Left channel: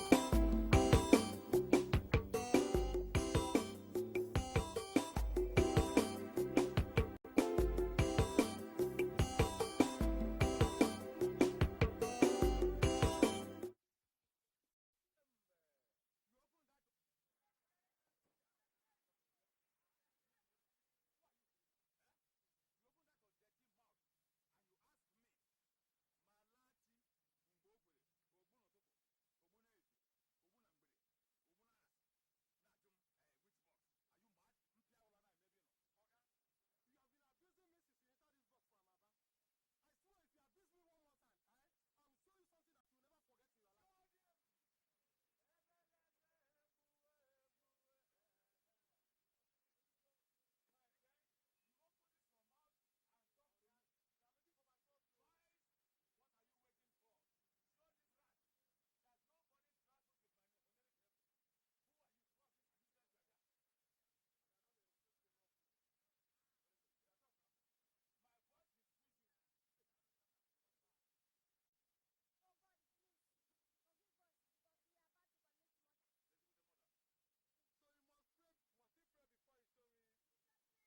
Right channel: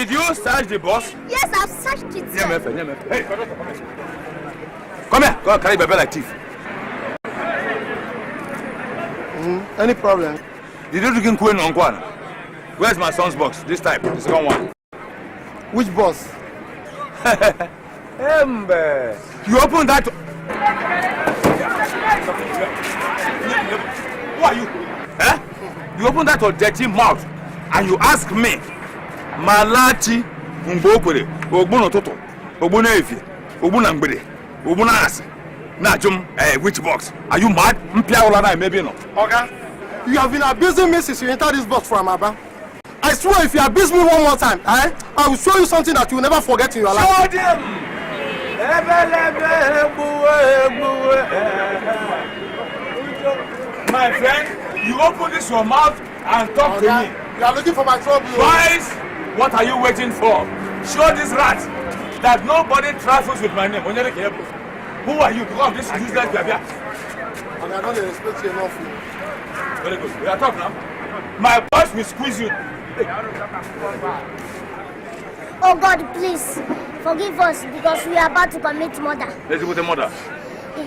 Did you search the bus? Yes, I've searched it. Hey, come here. Go and carry baby like thief. Any problem? Did you drink Queen on Kwan? Where's my son's box? This time, the second one. Which boss? You open that. Who are you? Eh? You open that your dirty mouth and you ask me, Malachi Mbokwe, Ogbono Toto, Ogbono Efi, Ogbono Ngbede, Ogbono Asi, Najum, which box? Are you mad? Maybe no. Okay. You have been abusing me since you entered this box from Abba. I swear if you abuse me one more time, I will show you something that you will never forget in your life. Show them! My friend, you open this your mouth and talk to me. You are looking for my trouble. Twice, what are you waiting for? Show this rat that nobody travels with my name. Who are you? Because this is useless behavior. And I don't respect you enough. Very good. We are talking now. My boss will squeeze you. Oh God, please forgive us because we are about to commit murder. Let's go to murder.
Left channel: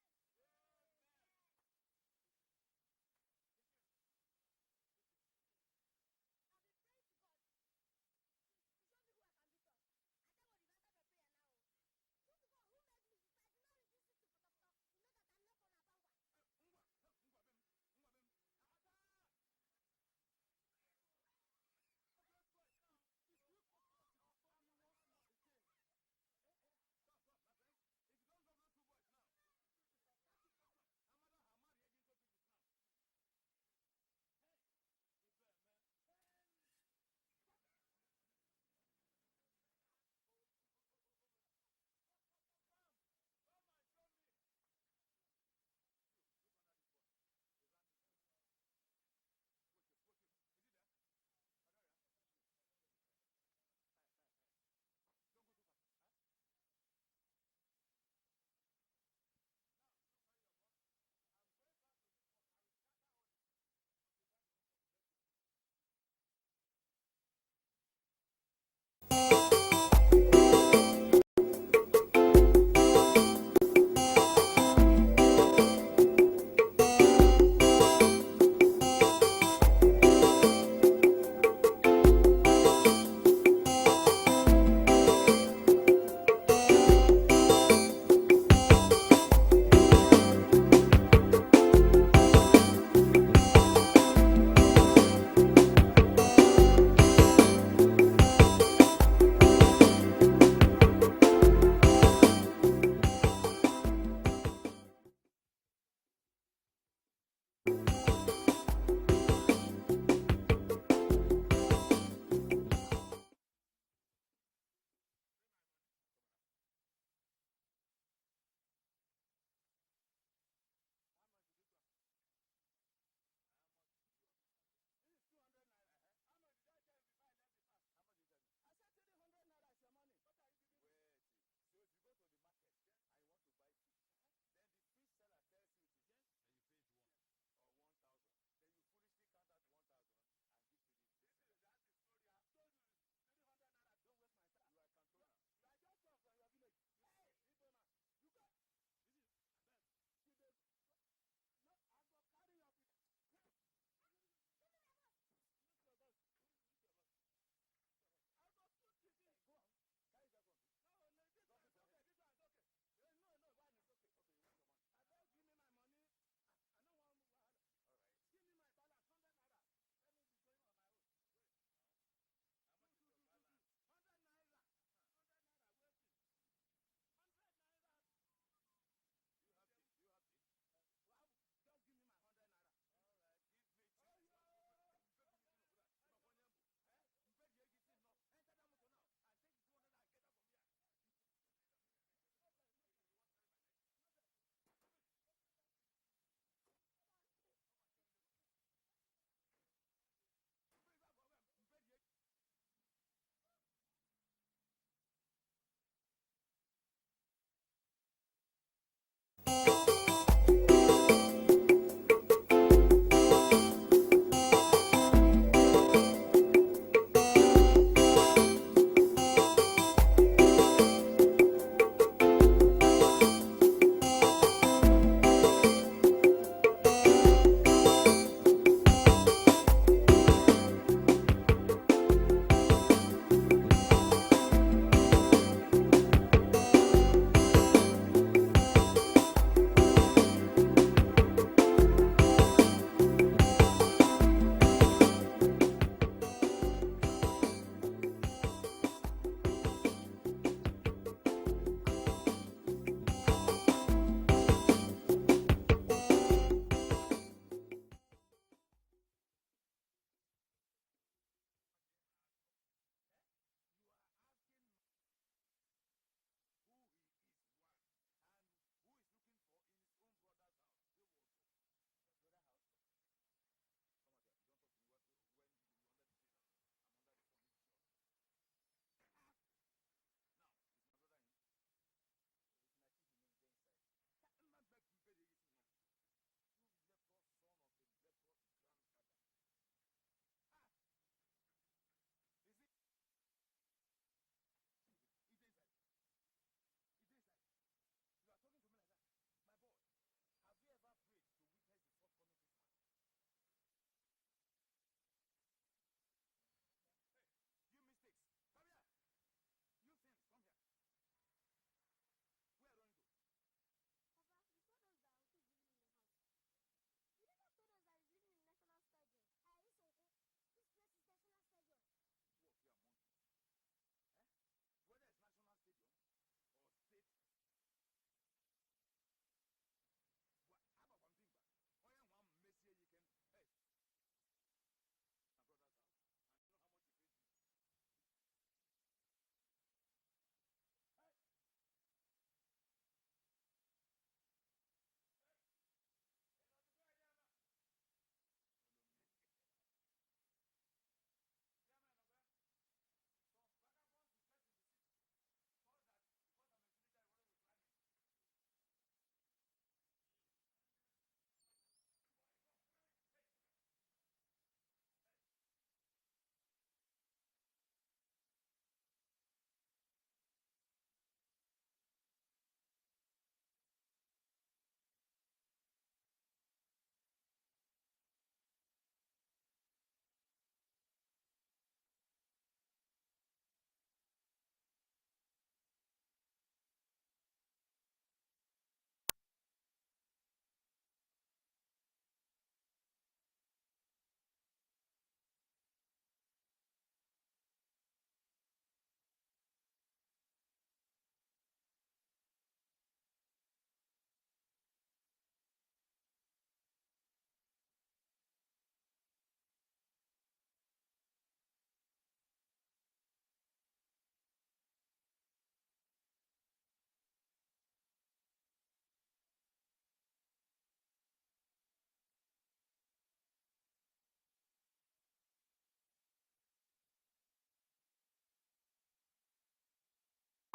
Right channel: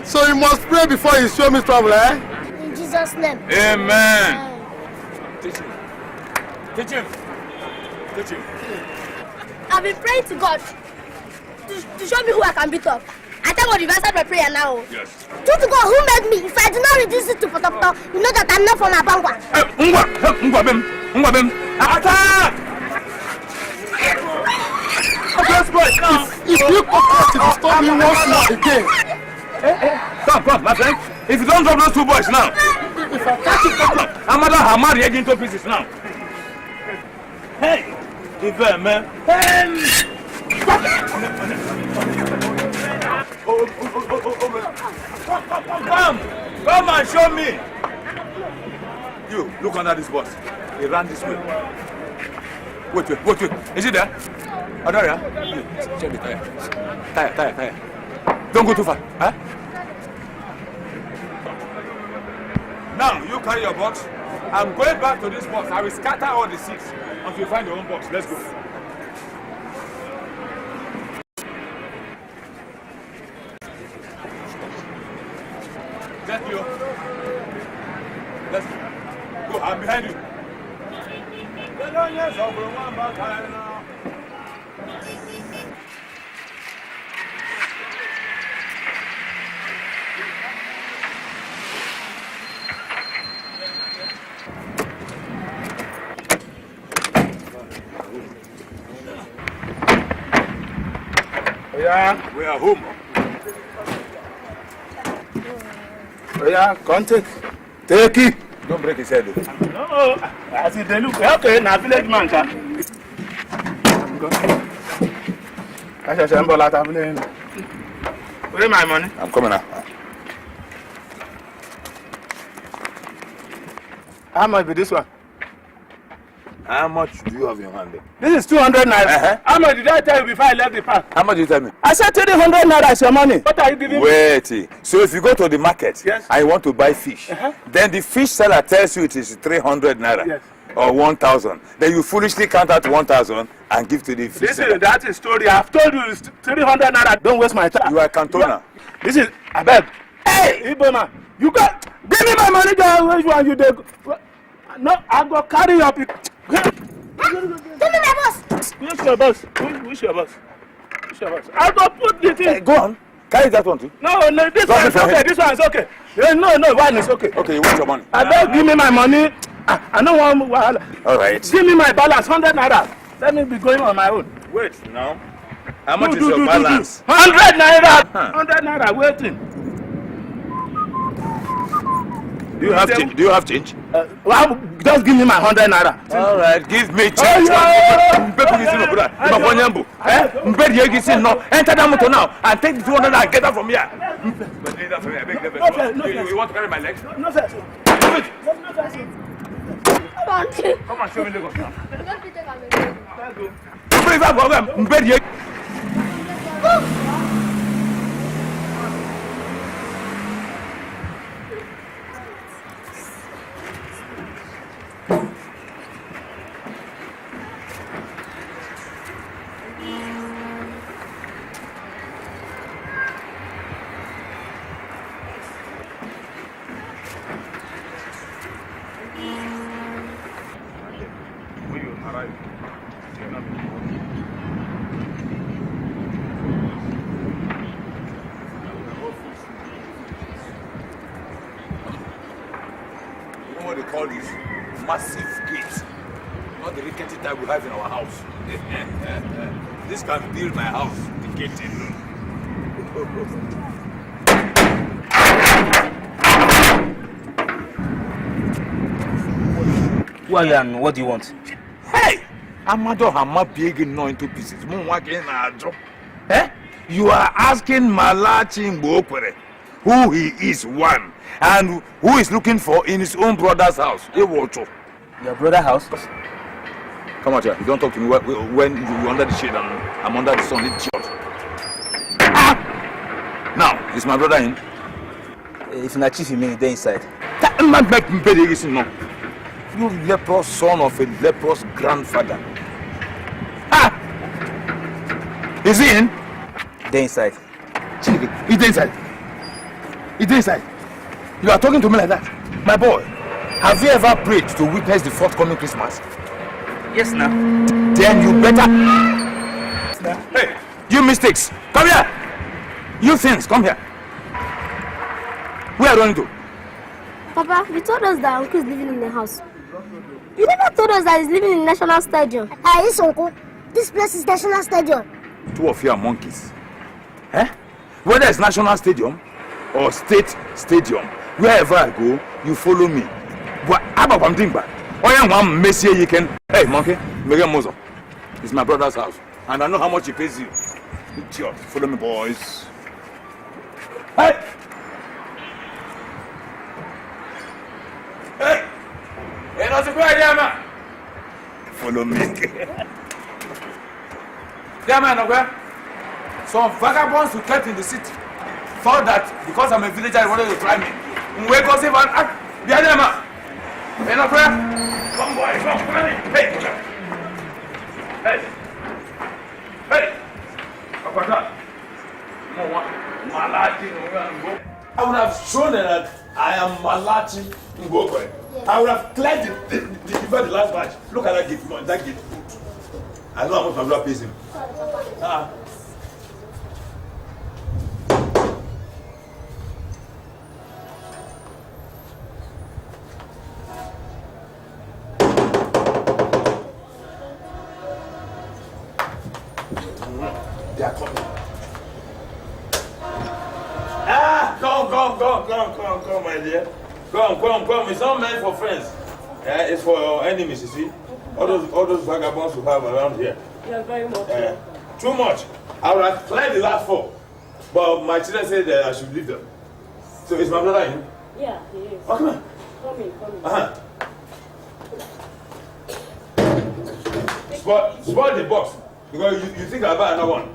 So you must pray before you show me trouble, eh? In Jesus' name. Amen. Teach him. Teach him. Teach him. I've been praying to God to show me who I can beat up. I thank God you've answered my prayer now. Yes. True to God, who made me? If I do not reduce it to potato, you know that I'm not from Abangwa. Ngwabem. Attack! If you come to stop me once more again. Come, my friend. If you don't drop those two boys now, If I catch you, Amada Hamad head into pieces now. Hey, man. Come and show me. You, look under this bus. He ran this way. Wait. Is it there? Oh, there, yeah? Check the tire. Tire. Don't go too far. Huh? Now, you carry your box. I'm going back to this box. I will scatter all the seats until you find your own box. Let's go. Let's go. I'm behind you. We are home. Oh yeah, come take it. Don't break his head. No, as it look, okay, now village man can. I shall send Bola to village. Where my money? I'm coming now. How much be this one? How much do you have in your hand? This is 200 naira. Uh-huh. How much did I tell you before I left the park? How much did you tell me? I said 300 naira is your money. What are you giving me? Wait. So if you go to the market Yes. and you want to buy fish, then the fish seller tells you it is 300 naira Yes. or 1,000. Then you foolishly count out 1,000 and give to the fish seller. That is story. I've told you it's 300 naira. Don't waste my time. You are a cantoner. This is I beg. Hey, Igbo man, you got give me my money. Which one you take? No, I go carry your people. Give me my boss. Which your boss? Which your boss? I go put the thing. Hey, go on. Carry that one too. No, this one is okay. This one is okay. No, one is okay. Okay, you want your money? I beg, give me my money. I don't want wahala. All right. Give me my balance, 100 naira. Let me be going on my own. Wait now. How much is your balance? 100 naira. 100 naira. Waiting. Do you have change? Well, just give me my 100 naira. All right, give me change. Enter that motor now and take the 200 and get out from here. You want to carry my legs? No, sir. Do it. Come on. Come and show me Lagos now. Don't be taken away. Bring that problem. survive in our house. This can build my house. Get in. Who are you and what do you want? Hey! Amado Hama big into pieces. Eh? You are asking Malachi Mbokwere who he is, one, and who is looking for in his own brother's house. Your brother's house? Come out here. You don't talk to me when you're under the shade and I'm under the sun. It's short. Ah! Now, is my brother in? If not chief, you mean they're inside. You leprous son of a leprous grandfather. Ah! Is he in? They're inside. He's inside. He's inside. You are talking to me like that? My boy, have you ever prayed to witness the forthcoming Christmas? Yes, now. Then you better... Hey, you mistakes, come here. You things, come here. Where are you running to? Papa, you told us that Uncle is living in the house. You never told us that he's living in the National Stadium. Yes, Uncle. This place is National Stadium. Two of you are monkeys. Eh? Whether it's National Stadium or State Stadium, wherever I go, you follow me. But about one thing, but one Messi you can. Hey, monkey, make a muzzle. It's my brother's house, and I know how much he pays you. Idiot. Follow me, boys. Hey! Hey! Hey, not a good idea, man. Follow me. Yeah, man, okay? Some vagabonds who kept in the city thought that because I'm a villager, they wanted to try me. Wake up, save and act. Behind them, man. Hey, no prayer. Come, boy, come, come in. Hey, hey, hey. I would have shown them that I am Malachi Ngokwe. I would have cleared the last match. Look at that gate, that gate. I know how much my brother pays him. They are coming. Come, my dear. Come. It's not meant for friends. It's for your enemies, you see. All those vagabonds you have around here. You're very much. Too much. I would have cleared the last 4. But my children said that I should leave them. So is my brother in? Yeah, he is. Oh, come on. Come in. Spoil the box. Because you think I'll buy another one.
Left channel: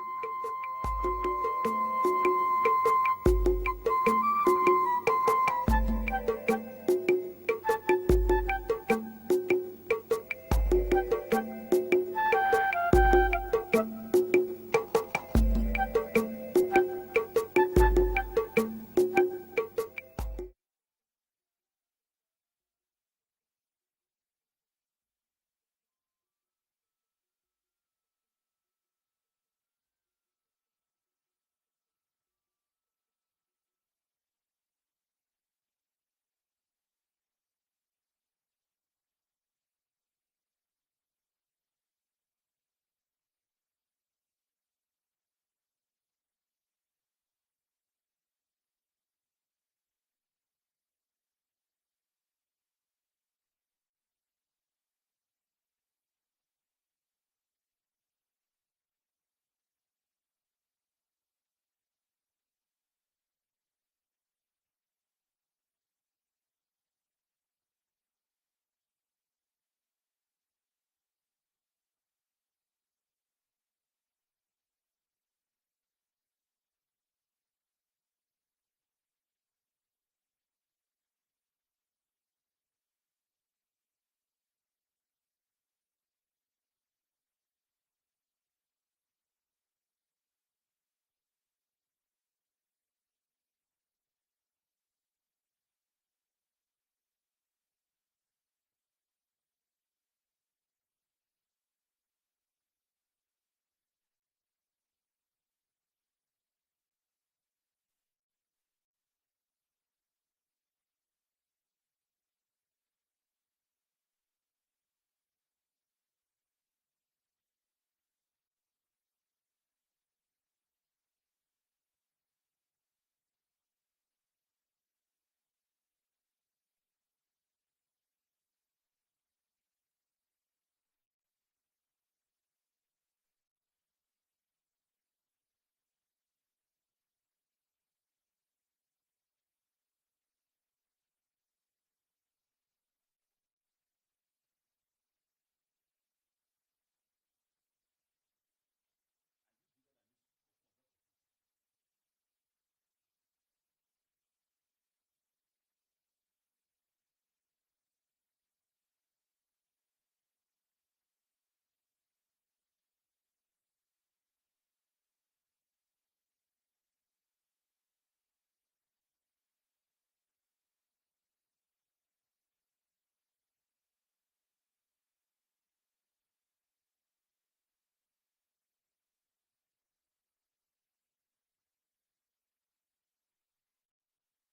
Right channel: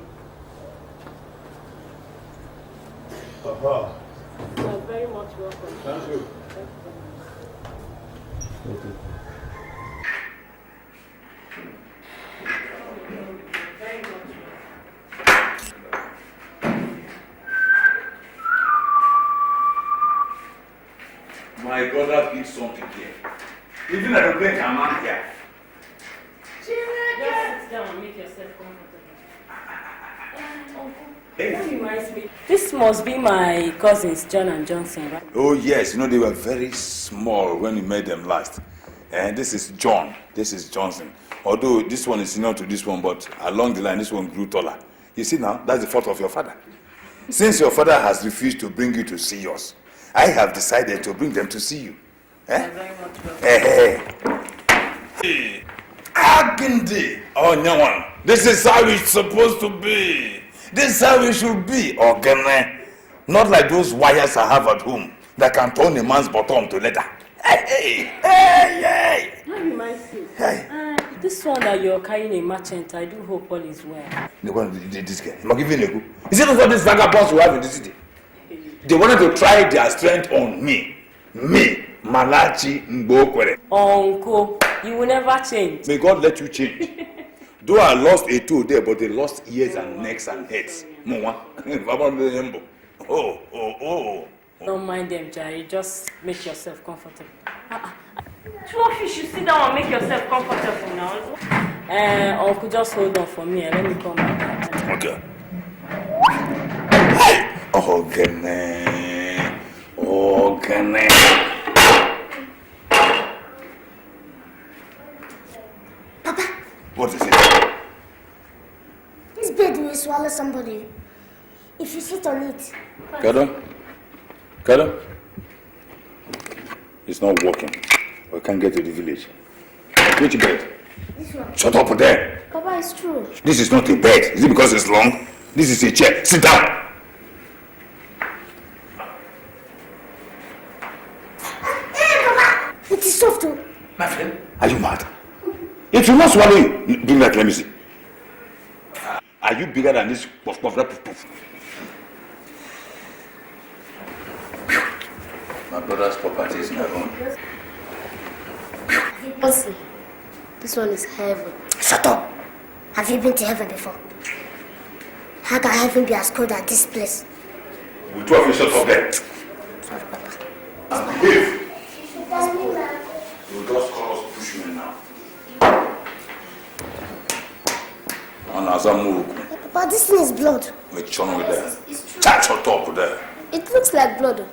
You're very much welcome. My brother did something here. Even at the break, I'm not here. Just sit down and make yourself comfortable. That reminds me. This must be my cousins, John and Johnson, right? Oh, yes. You know, they were very small when we met them last. And this is John. This is Johnson. Although this one is senior to this one, but along the line, this one grew taller. You see now, that's the fault of your father. Since your father has refused to bring you to see us, I have decided to bring them to see you. You're very much welcome. Hey. Agindi. Oh, no one. This is how it's supposed to be. This is how it should be. Okay, not like those wires I have at home that can turn a man's bottom to leather. Hey. That reminds me. Hey. This one that you're carrying a merchant, I do hope all is well. This guy. I'm giving you. Is it not what these vagabonds we have in the city? They wanted to try their strength on me. Me, Malachi Mbokwere. Uncle, you will never change. May God let you change. Though I lost a toe there, but they lost ears and necks and heads. Oh. Don't mind them, Jerry. Just make yourself comfortable. Two of you should sit down and make yourself comfortable now. Uncle, just hold on for me and let me come back. Okay. Hey! Okay. Papa, What is it? This bed will swallow somebody if you sit on it. Kada? It's not working. We can't get to the village. Which bed? This one. Shut up there. Papa, it's true. This is not a bed. Is it because it's long? This is a chair. Sit down. Papa! It is soft too. My friend, are you mad? It will not swallow you. Bring that, let me see. Are you bigger than this puff? My brother's property is my own. Bossy, this one is heaven. Shut up. Have you been to heaven before? How can heaven be as cold as this place? We 12 you shut up there. Sorry, Papa. And behave. You just call us pushmen now. And as I move, Papa, this thing is blood. we churn with there. Chat your top there. It looks like blood.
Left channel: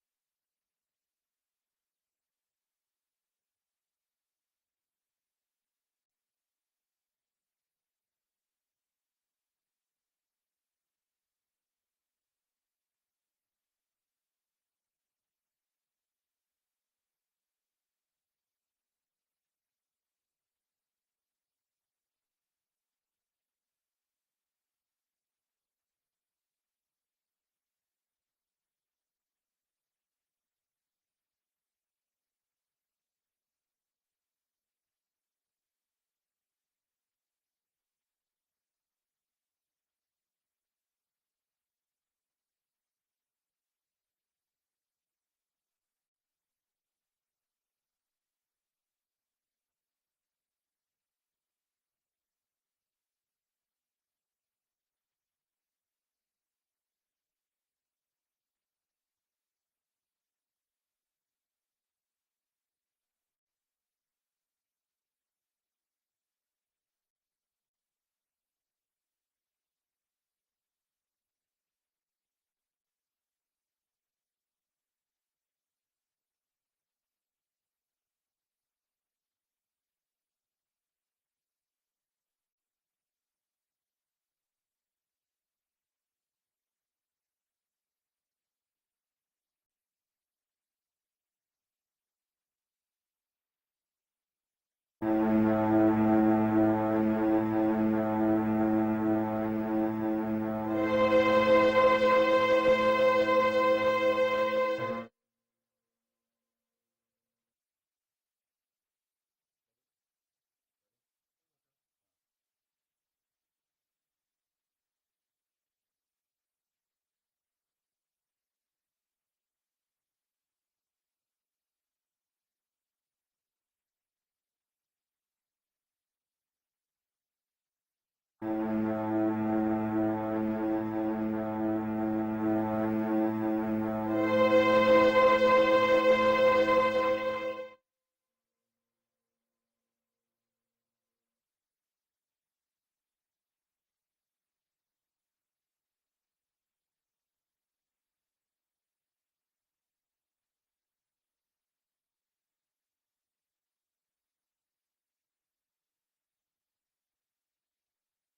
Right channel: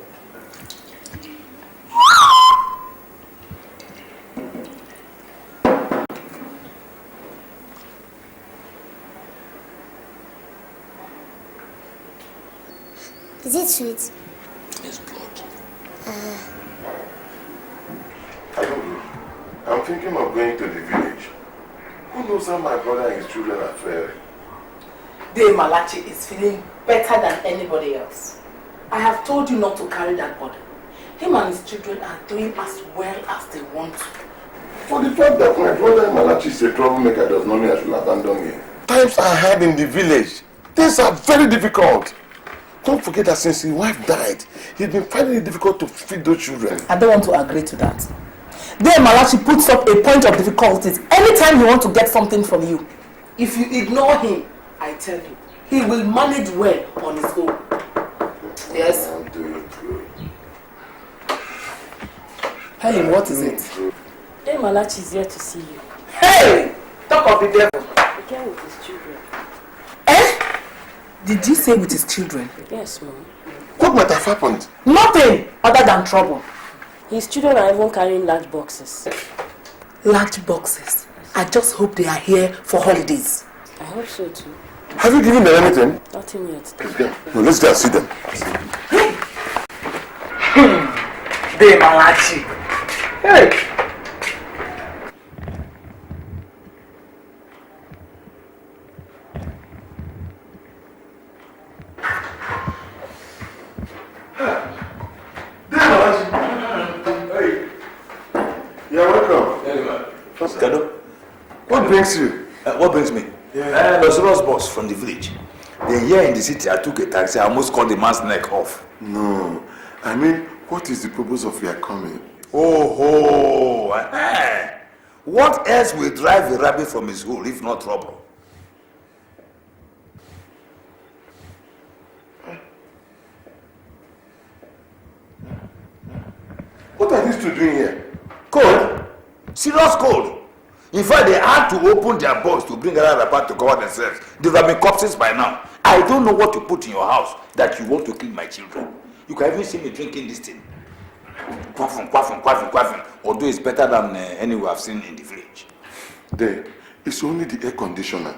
Is it sweet? It's blood. I don't know. I'm thinking of going to the village. Who knows how my brother and his children are faring? Dave Malachi is feeling better than anybody else. I have told you not to carry that burden. Him and his children are doing as well as they want to. For the fact that my brother Malachi is a troublemaker does not mean I should abandon him. Times are hard in the village. Things are very difficult. Don't forget that since his wife died, he's been finding it difficult to feed those children. I don't want to agree to that. Dave Malachi puts up a point of difficulties anytime he wants to get something from you. If you ignore him, I tell you, he will manage well on his own. Yes? I'm doing good. Helen, what is it? Dave Malachi is here to see you. Hey! Talk of the devil. He came with his children. Eh? Did you say with his children? Yes, Mom. What might have happened? Nothing other than trouble. His children are even carrying large boxes. Large boxes. I just hope they are here for holidays. I hope so too. Have you given them anything? Nothing yet. No, let's go and see them. Dave Malachi. Hey! You're welcome. Kado? What brings you? What brings me? Los boss from the village. Then here in the city, I took a taxi. I almost cut the man's neck off. No. I mean, what is the purpose of your coming? Oh, what else will drive a rabbit from his hole if not trouble? What are these two doing here? Cold? Serious cold. In fact, they had to open their box to bring another part to cover themselves. They would have been corpses by now. I don't know what to put in your house that you want to kill my children. You can even see me drinking this thing. Quaffing. Although it's better than anywhere I've seen in the village. There, it's only the air conditioner.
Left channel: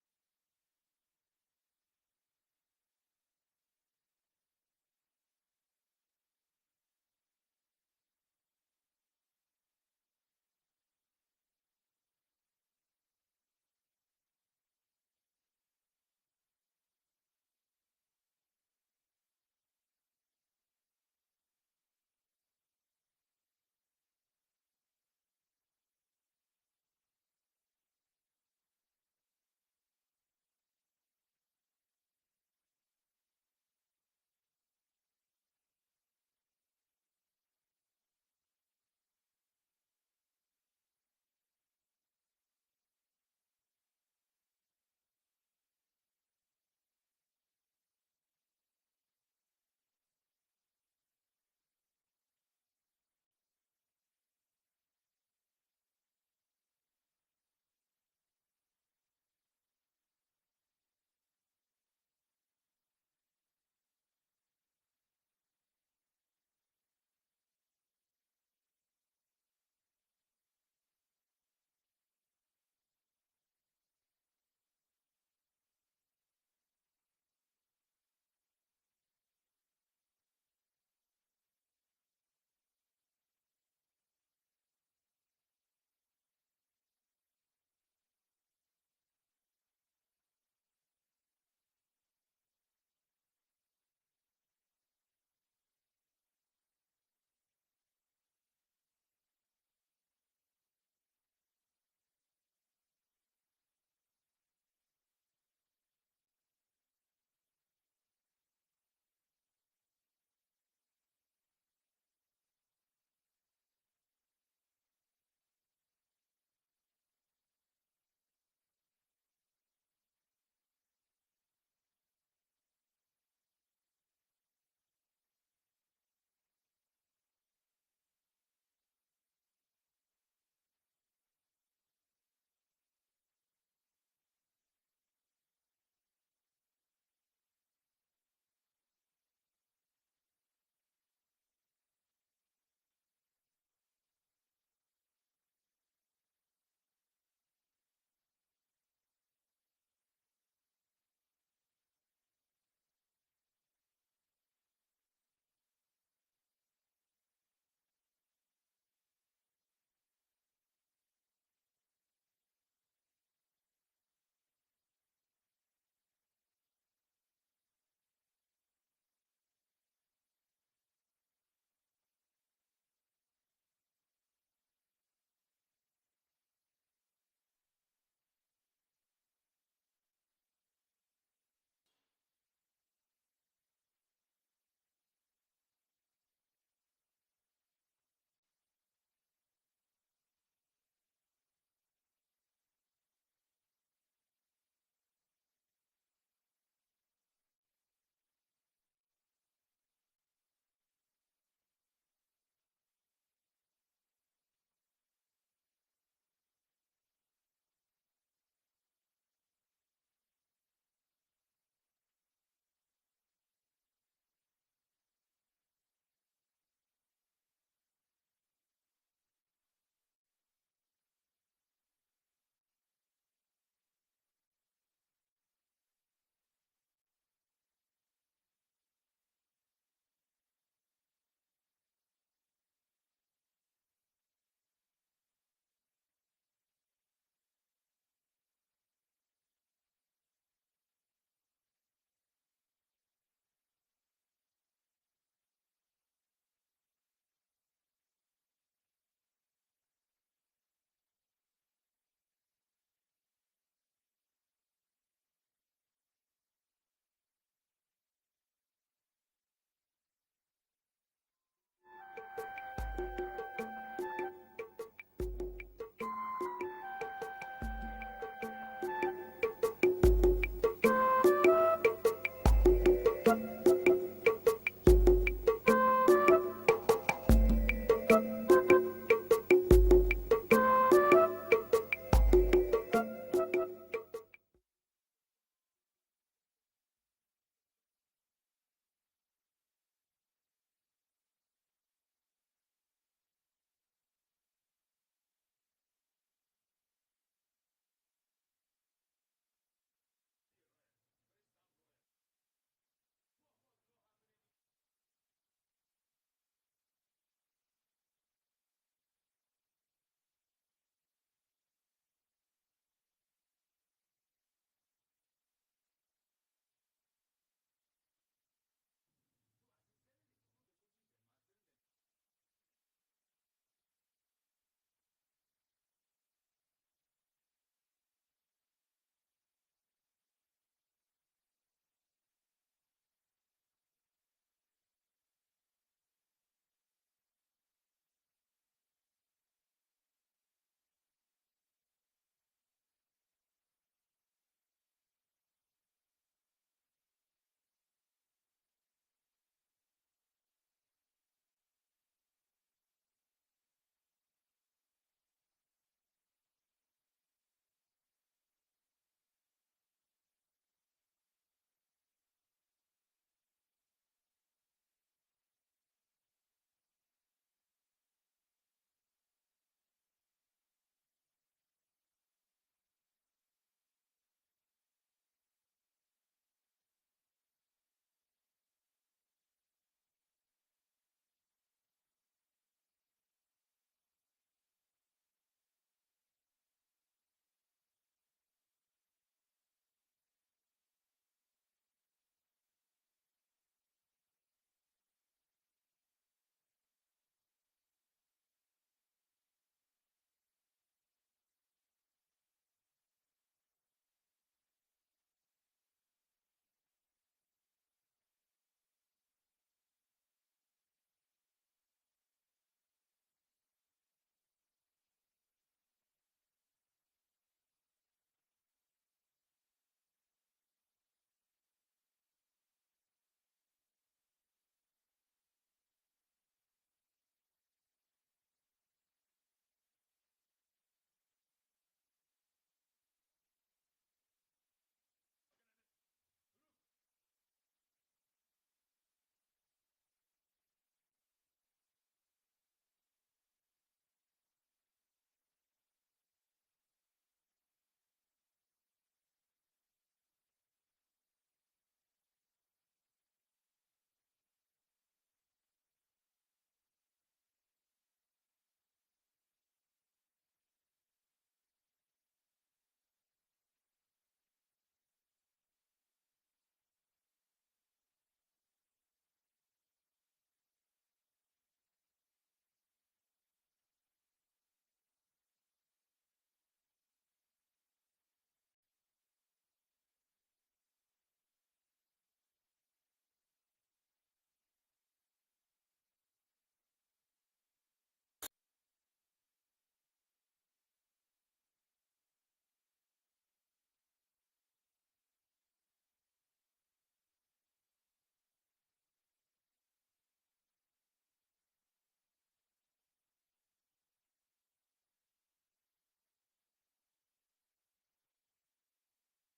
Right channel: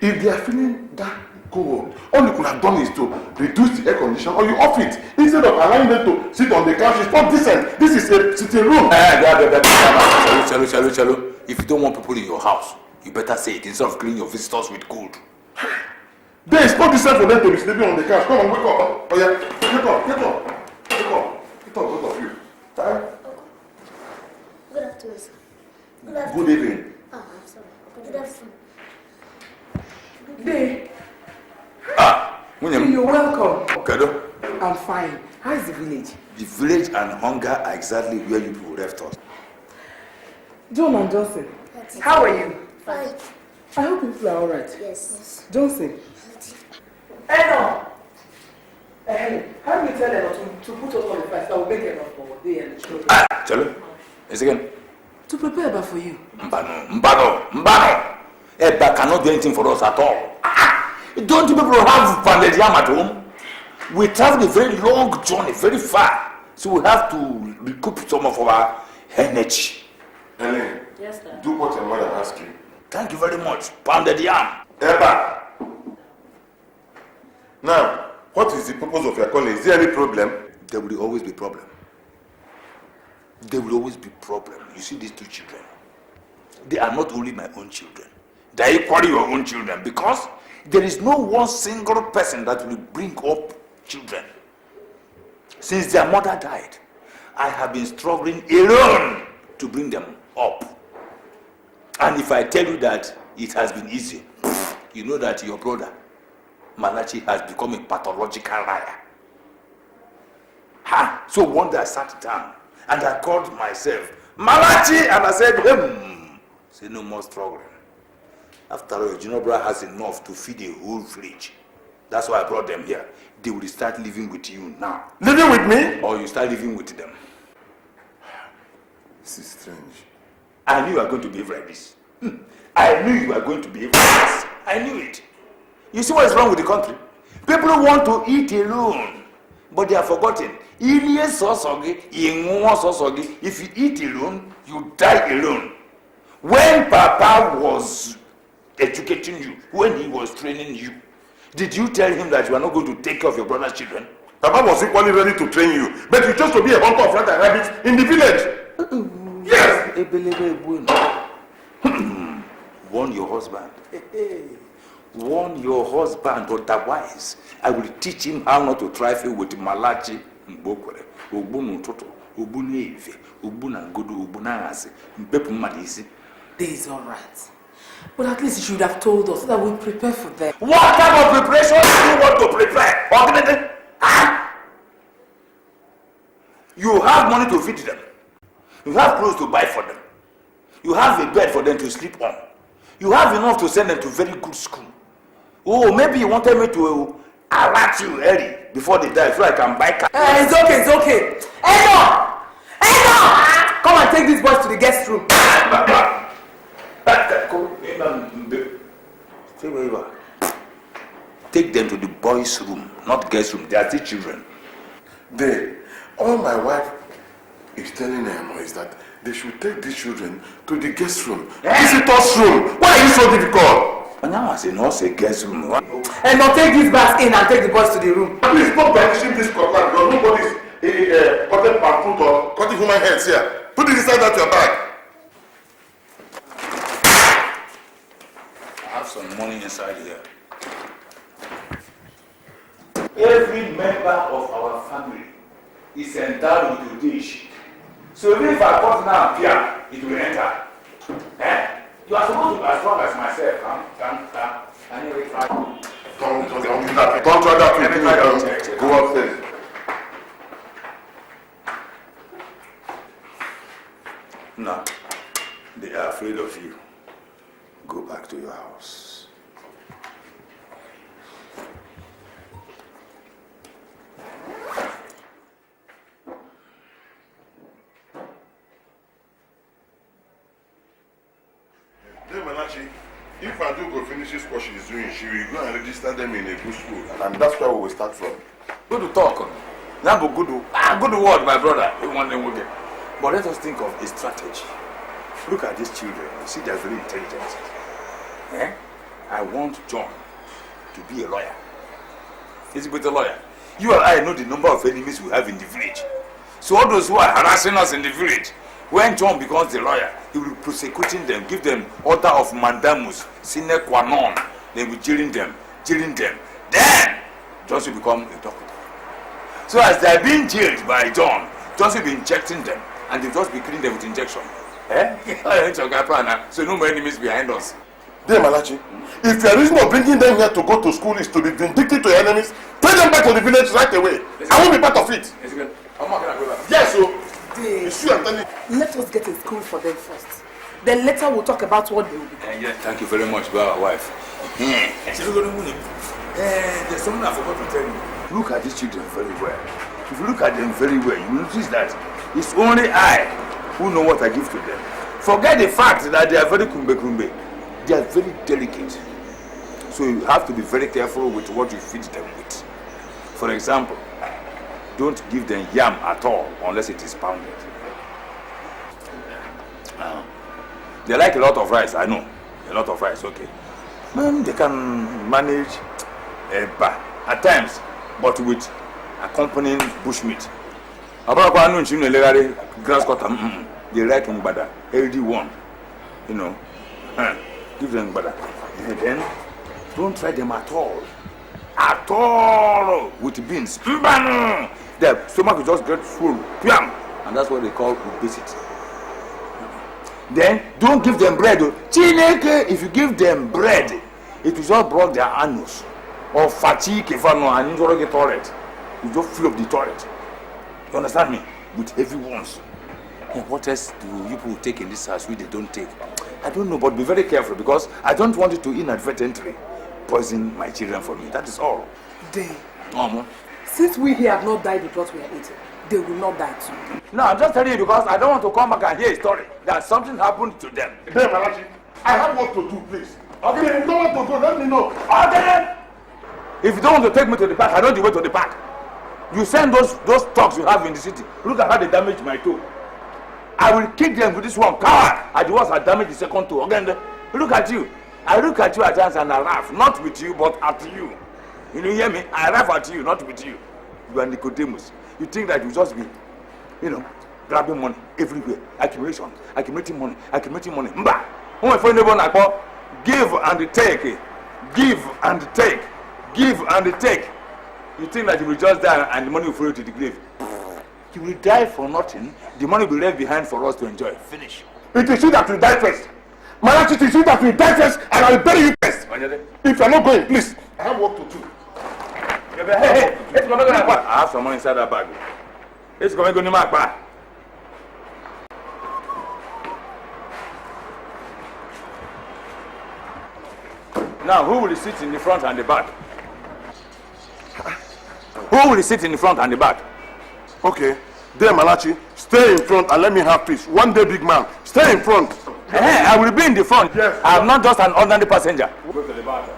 If they are feeling that cold, all you could have done is to reduce the air conditioner or you off it instead of allowing them to sit on the couch. It's not decent. This is a sitting room. Chalo. If you don't want people in your house, you better say it instead of killing your visitors with cold. There is not decent for them to be sleeping on the couch. Come on, wake up. Oh yeah, get up, you. Time? Good afternoon, sir. Good evening. Oh, I'm sorry. Good afternoon. Dave, William. you're welcome. Kado? I'm fine. How is the village? The village and hunger are exactly where you people left us. John and Johnson, how are you? Fine. I hope people are all right. Yes. Johnson. Eno! Hey, how do you tell Eno to put us on the fast? I will make enough for they and the children. Chalo. It's again. To prepare Eba for you. Mbano. Eba cannot do anything for us at all. Don't you people have pounded yam at home? We traveled a very long journey, very far. So we have to recoup some of our energy. Helen, Yes, sir. do what your mother asks you. Thank you very much. Pounded yam. Eba. Now, what is the purpose of your calling? Is there any problem? There will always be problem. There will always be problem. You see these two children. They are not only my own children. They are equally your own children because there is no one single person that will bring up children. Since their mother died, I have been struggling alone to bring them up. And if I tell you that it has been easy, you know that your brother, Malachi, has become a pathological liar. So one day I sat down and I called myself Malachi and I said, say no more struggling. After all, Ginobra has enough to feed a whole village. That's why I brought them here. They will start living with you now. Living with me? Or you start living with them. This is strange. I knew you were going to behave like this. I knew you were going to behave like this. I knew it. You see what is wrong with the country? People want to eat alone, but they are forgotten. If you eat alone, you die alone. When Papa was educating you, when he was training you, did you tell him that you are not going to take care of your brother's children? Papa was equally ready to train you, but you chose to be a hunter of rats and rabbits in the village. Yes! Warn your husband. Warn your husband, otherwise I will teach him how not to trifle with Malachi Mbokwere, Ogbunu Toto, Ogbunu Efe, Ogbuna Ngodo, Ogbuna Ase, Mpepu Madisi. This is all right. But at least you should have told us so that we prepare for them. What type of preparation do you want to prepare? You have money to feed them. You have clothes to buy for them. You have a bed for them to sleep on. You have enough to send them to very good school. Oh, maybe you wanted me to alert you early before they die so I can buy car. It's okay, it's okay. Eno! Come and take these boys to the guest room. Take them to the boys' room, not guest room. They are still children. All my wife is telling them is that they should take these children to the guest room. Visitors' room. Why are you so difficult? And now I say no, say guest room. And now take these bags in and take the boys to the room. Please stop banishing this cutlass because nobody's cutting palm fruit or cutting human heads here. Put it inside that your bag. I have some money inside here. Every member of our family is endowed with a dish. So even if I cut now here, it will enter. You are supposed to be as strong as myself. Don't try that with me. Go upstairs. No, they are afraid of you. Go back to your house. If Adugo finishes what she's doing, she will go and register them in a good school, and that's where we will start from. Good talk. Now, good word, my brother. We want them with it. But let us think of a strategy. Look at these children. You see, they're very intelligent. I want John to be a lawyer. He's a better lawyer. You and I know the number of enemies we have in the village. So all those who are harassing us in the village, when John becomes the lawyer, he will be prosecuting them, give them order of mandamus, sine qua non. They will jailing them. Then, John will become a doctor. So as they are being jailed by John will be injecting them, and they'll just be killing them with injection. So no more enemies behind us. Dear Malachi, if your reason of bringing them here to go to school is to be vindictive to your enemies, take them back to the village right away. I won't be part of it. Yes, so. Let us get a school for them first. Then later we'll talk about what they will become. Yeah, thank you very much, our wife. There's something I forgot to tell you. Look at these children very well. If you look at them very well, you will notice that it's only I who know what I give to them. Forget the fact that they are very kumbe. They are very delicate. So you have to be very careful with what you feed them with. For example, don't give them yam at all unless it is pounded. They like a lot of rice, I know. a lot of rice, okay. Man, they can manage eba at times, but with accompanying bushmeat. Abana no nchim legare grass cutter. They like ngbada, healthy one. You know. Give them ngbada. And then don't try them at all. At all with beans. Their stomach will just get full. And that's what they call obesity. Then don't give them bread. If you give them bread, it will just block their anus. Or fatigue if I know and you don't get toilet. You just fill up the toilet. You understand me? With heavy ones. And what else do you people take in this house which they don't take? I don't know, but be very careful because I don't want you to inadvertently poison my children for me. That is all. Day. Since we here have not died with what we are eating, they will not die too. No, I'm just telling you because I don't want to come back and hear a story that something happened to them. Hey, Malachi, I have work to do, please. Okay, if you don't want to go, let me know. Okay. If you don't want to take me to the park, I know the way to the park. You send those thugs you have in the city. Look at how they damaged my toe. I will kick them with this one car. And the ones that damaged the second toe. Again, look at you. I look at you at times and I laugh. Not with you, but at you. You hear me? I laugh at you, not with you. You are Nicodemus. You think that you just be, grabbing money everywhere. Accumulating money. Mba! When my friend give and take. Give and take. Give and take. You think that you will just die and the money will follow you to the grave. You will die for nothing. The money will be left behind for us to enjoy. Finish. It is you that will die first. Malachi, it is you that will die first and I will bury you first. If you are not going, please. I have work to do. Hey, I have some money inside that bag. It's going to go to my bag. Now, who will sit in the front and the back? Who will sit in the front and the back? Okay. There, Malachi, stay in front and let me have peace. One day, big man, stay in front. Hey, I will be in the front. Yes. I am not just an ordinary passenger. Go to the back.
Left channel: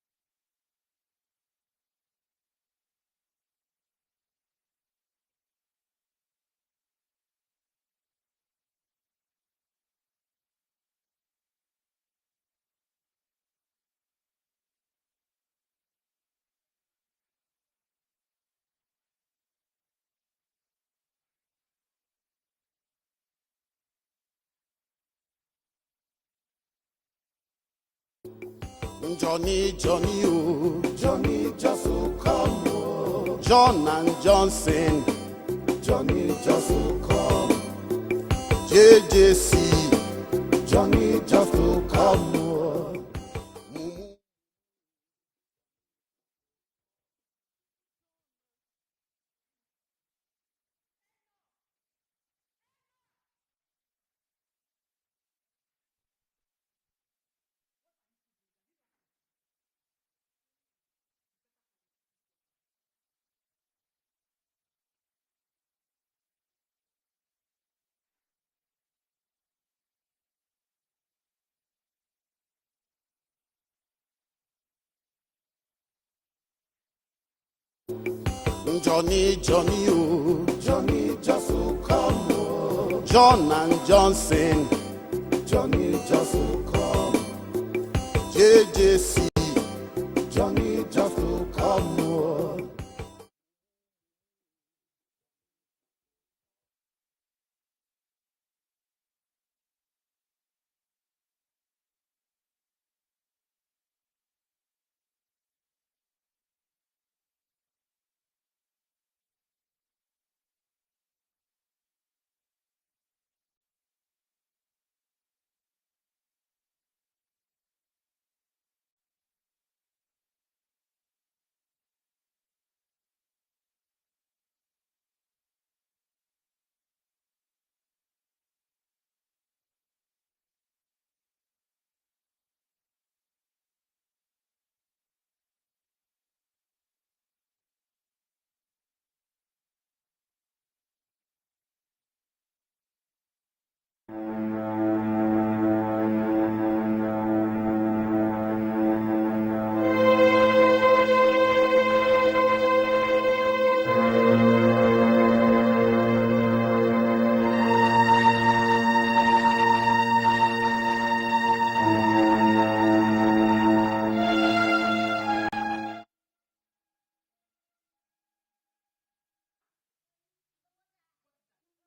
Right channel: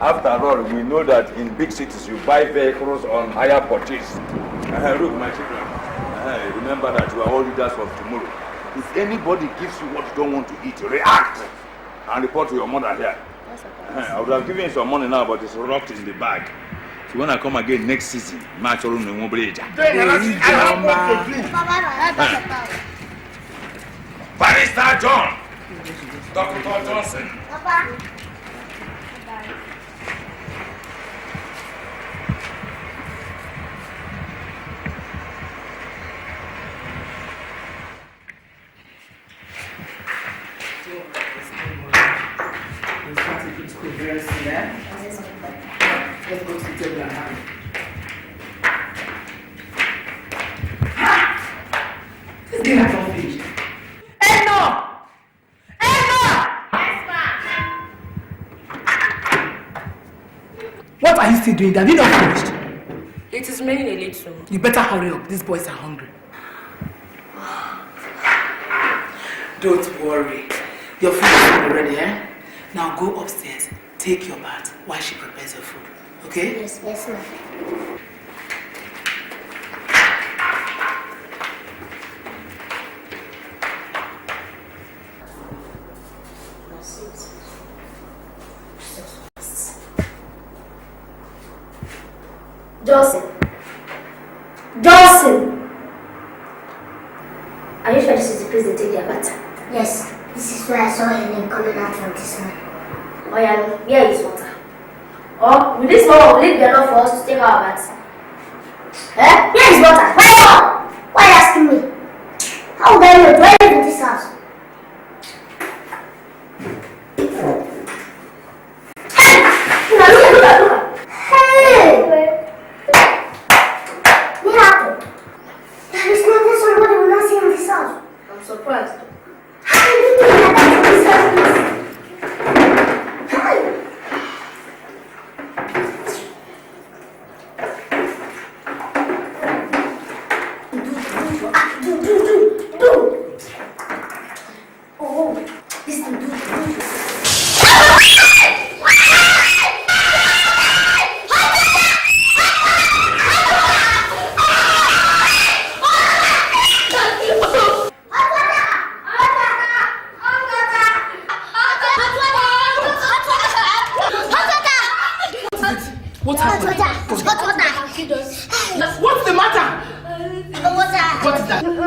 After all, we know that in big cities you buy vehicles on hire purchase. Look, my children, remember that you are all leaders of tomorrow. If anybody gives you what you don't want to eat, react and report to your mother here. I would have given you some money now, but it's locked in the bag. So when I come again next season, match all in the mobile. Barrister John, Dr. Johnson. Papa. Johnny, oh, Johnny, just come. John and Johnson, Johnny, just come. JJC, Johnny, just come. Let's go to the table and have it. This game has not finished. Emma! Yes, ma'am. What are you still doing? Have you not finished? It is raining a little. You better hurry up. These boys are hungry. Don't worry. Your food is already, eh? Now go upstairs. Take your bath while she prepares your food. Okay? Yes, ma'am. Johnny, oh, Johnny, just come. John and Johnson, Johnny, just come. JJC, Johnny, just come. Johnson! Are you sure this is the place they take their bath? Yes, this is where I saw Helen coming out from this man. Oh yeah, where is water? Oh, with this one, will it be enough for us to take our baths? Eh? Where is water? Why are you asking me? How would I know? Do I live in this house? Hey! Look! Hey! What happened? There is nothing somebody will not see in this house. I'm surprised. How can you do that in this house, please? Hey! Do.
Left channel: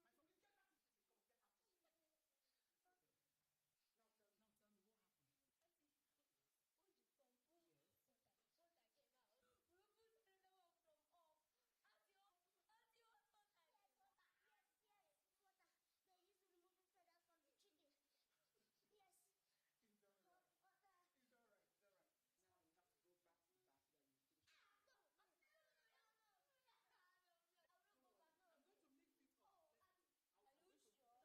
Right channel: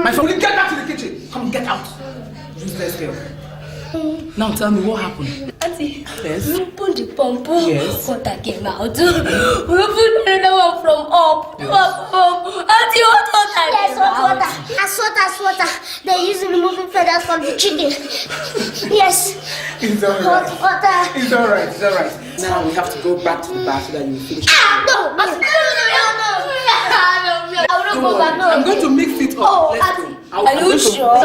My son, will you get back to the kitchen? Come, get out. Useless girl. Now tell me what happened. Auntie, yes? We opened the pump. Yes. Water came out. We opened another one from up. Yes. Auntie, what water? Yes, water. As water. They use removing feathers from the chicken. Yes. It's alright. Water. It's alright. Now we have to go back to the bar so that you finish. No. I will not go back. I'm going to mix it up. Oh, Let's go. Are you sure?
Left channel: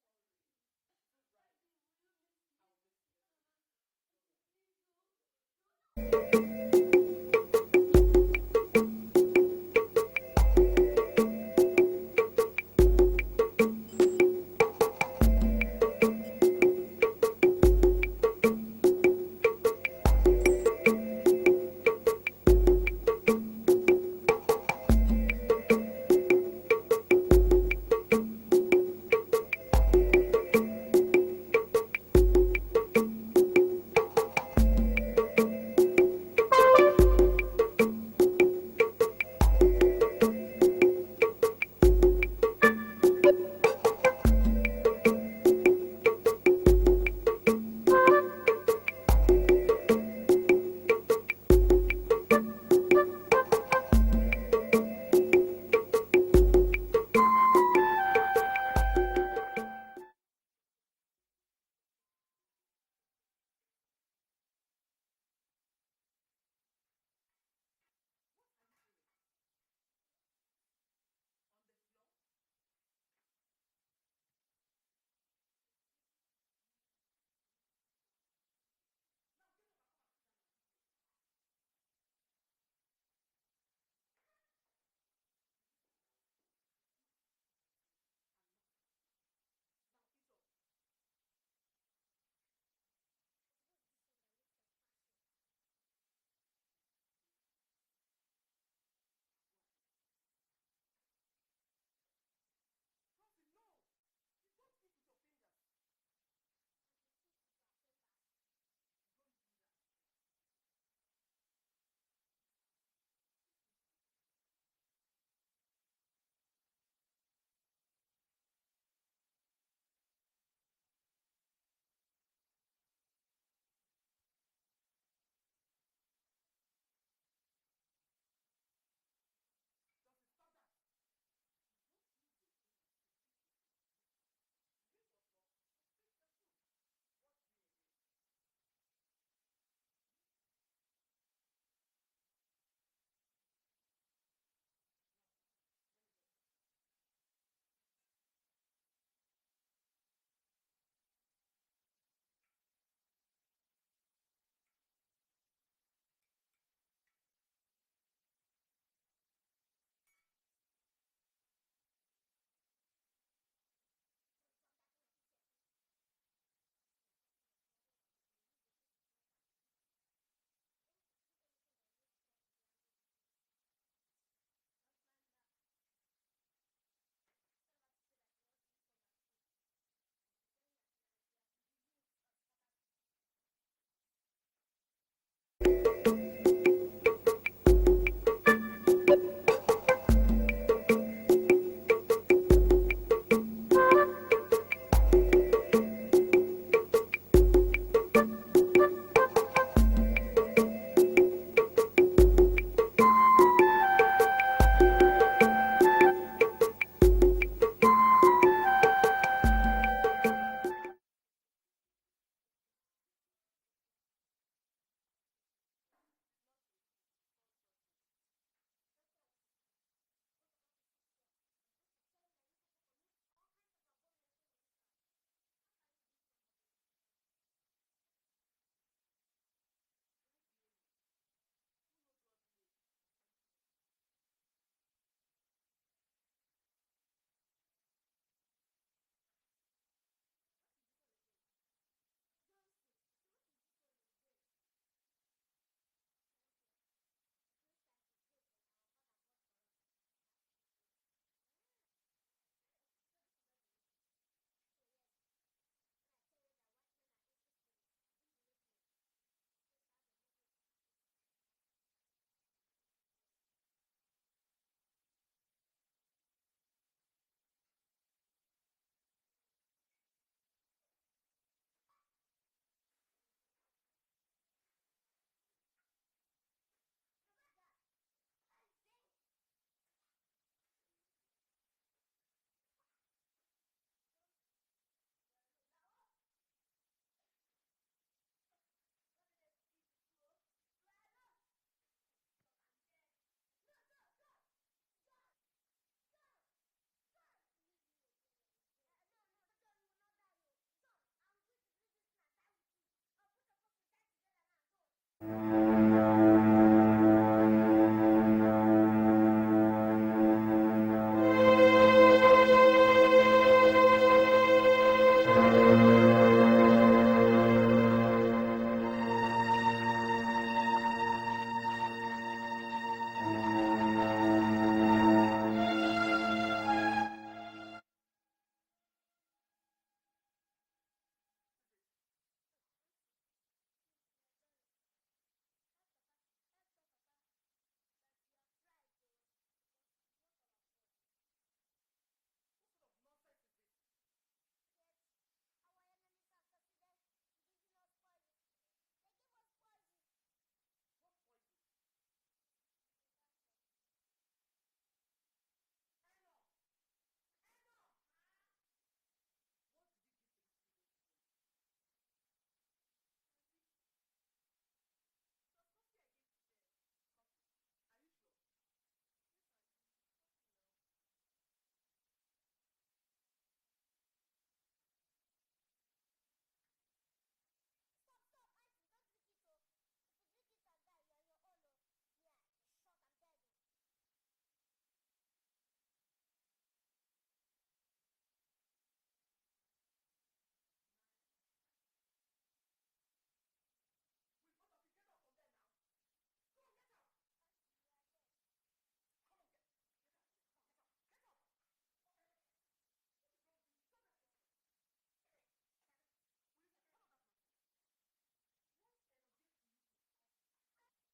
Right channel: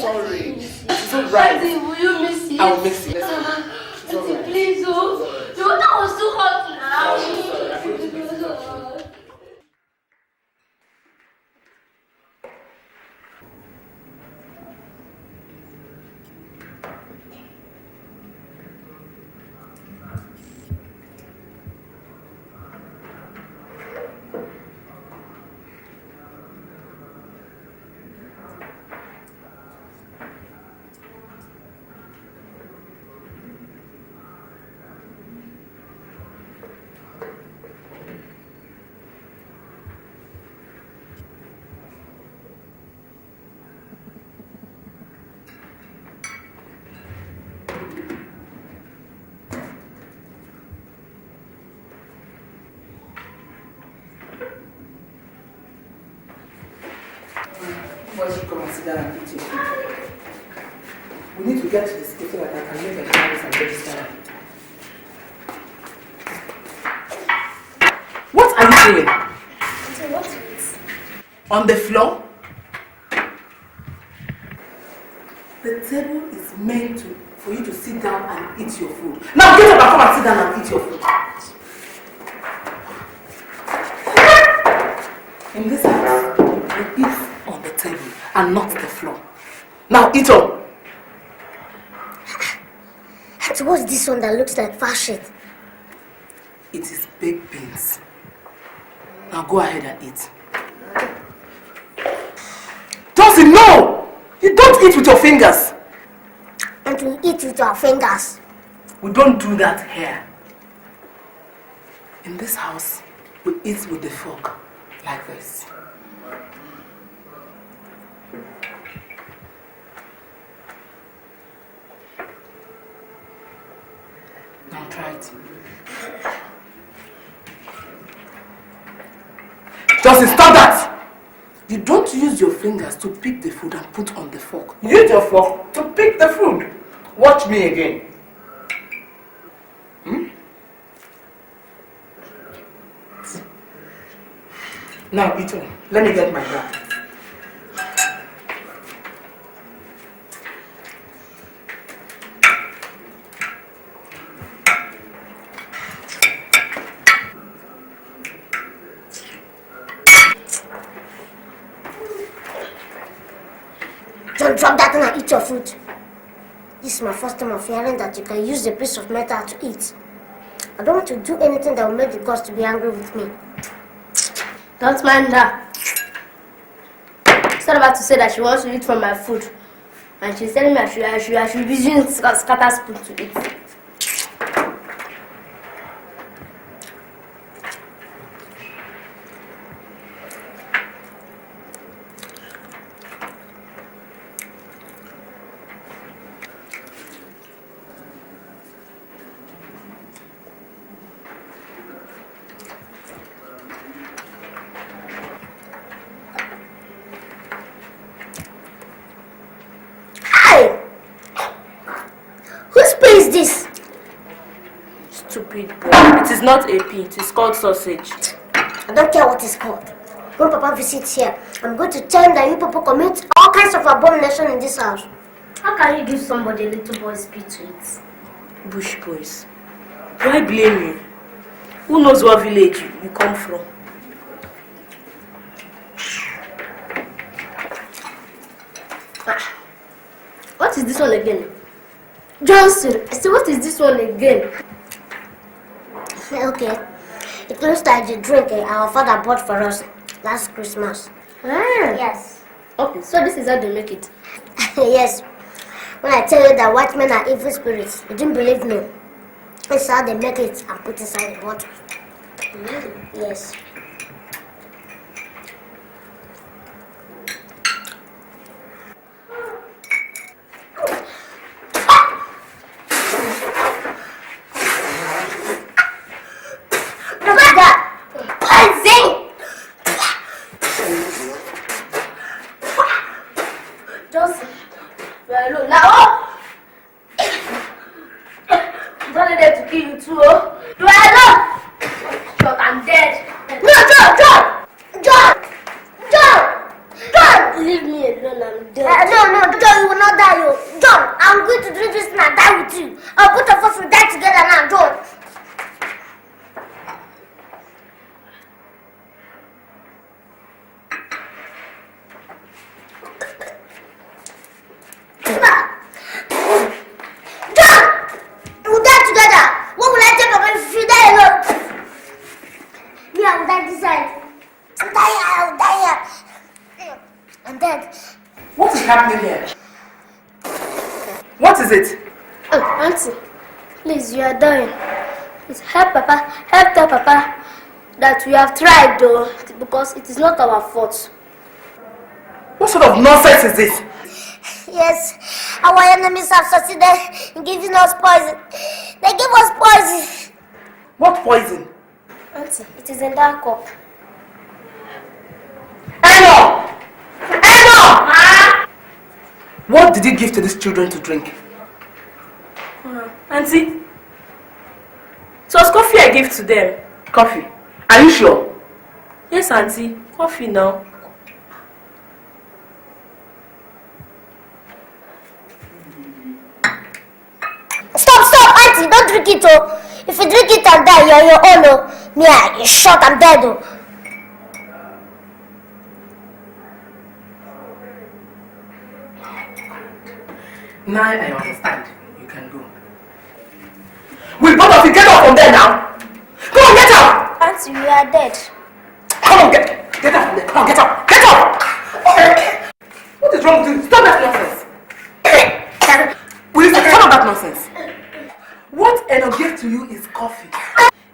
Sorry. It's alright. Auntie, will you mix it? I will mix it. Auntie, please, oh. The water was too hot now. We need to get to this kitchen so that I can make a carrots and register. What are you doing? What? On the floor? The table is meant for you to sit down and eat your food. Now get up and come and sit down and eat your food. In this house, we eat on the table and not the floor. Now eat up. So what's this one that looks like fashion? It is baked beans. Now go ahead and eat. Josie, no! You don't eat with your fingers. And we eat with our fingers. We don't do that here. In this house, we eat with the fork, like this. Now try it. Josie, stop that! You don't use your fingers to pick the food and put on the fork. Use your fork to pick the food. Watch me again. Now eat on. Let me get my bag. Don't drop that and eat your food. This is my first time of hearing that you can use a piece of metal to eat. I don't want to do anything that will make the gods to be angry with me. Don't mind her. She's not about to say that she wants to eat from my food. And she's telling me I should be using scatter spoon to eat. It is not a pea, it is called sausage. I don't care what it's called. When Papa visits here, I'm going to tell him that you people commit all kinds of abomination in this house. How can you give somebody a little boy's pea to eat? Bush boys. Do I blame you? Who knows what village you come from? What is this one again? Johnson, I said, what is this one again? Okay. It looks like the drink our father bought for us last Christmas. Yes. Okay, so this is how they make it. Yes. When I tell you that white men are evil spirits, you didn't believe me. That's how they make it and put inside the water. Yes. John! Leave me alone, I'm dead. No, John, you will not die, yo. John, I'm going to drink this and I'll die with you. I'll put of us will die together now, John. John! We'll die together. What will I take of if you die alone? Me, I will die this side. I will die here. I'm dead. What is happening here? What is it? Oh, Auntie, please, you are dying. Please help Papa, tell Papa that we have tried though, because it is not our fault. What sort of nonsense is this? Yes, our enemies have succeeded in giving us poison. They gave us poison. What poison? Auntie, it is in that cup. Eno! What did you give to these children to drink? Auntie, it was coffee I gave to them. Coffee. Are you sure? Yes, Auntie. Coffee now. Stop, Auntie, don't drink it, oh. If you drink it and die, you're your own, oh. Me, you're shot, I'm dead, oh. Now I understand. You can go. Will both of you get up from there now? Come on, get up! Auntie, we are dead. Come on, get up from there. Come on, get up! Get up! What is wrong with you? Stop that nonsense! Will you stop that nonsense? What Eno gave to you is coffee.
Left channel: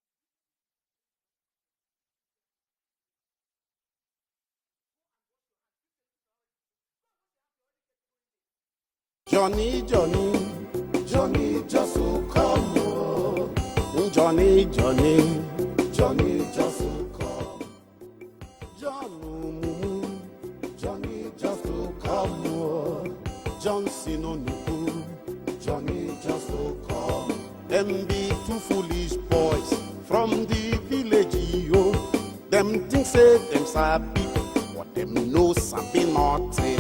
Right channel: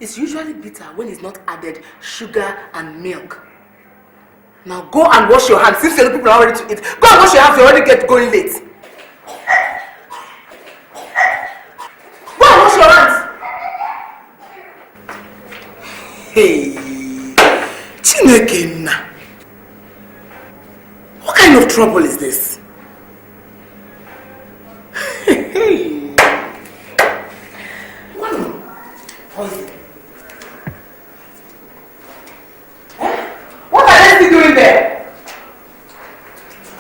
It's usually bitter when it's not added sugar and milk. Now go and wash your hands. Since the people are ready to eat, go and wash your hands. You already going late. Johnny, just go and wash your hands. Johnny. Hey, Chineke na. What kind of trouble is this? From the village, yo, them to save themselves. What are they doing there? No something naughty.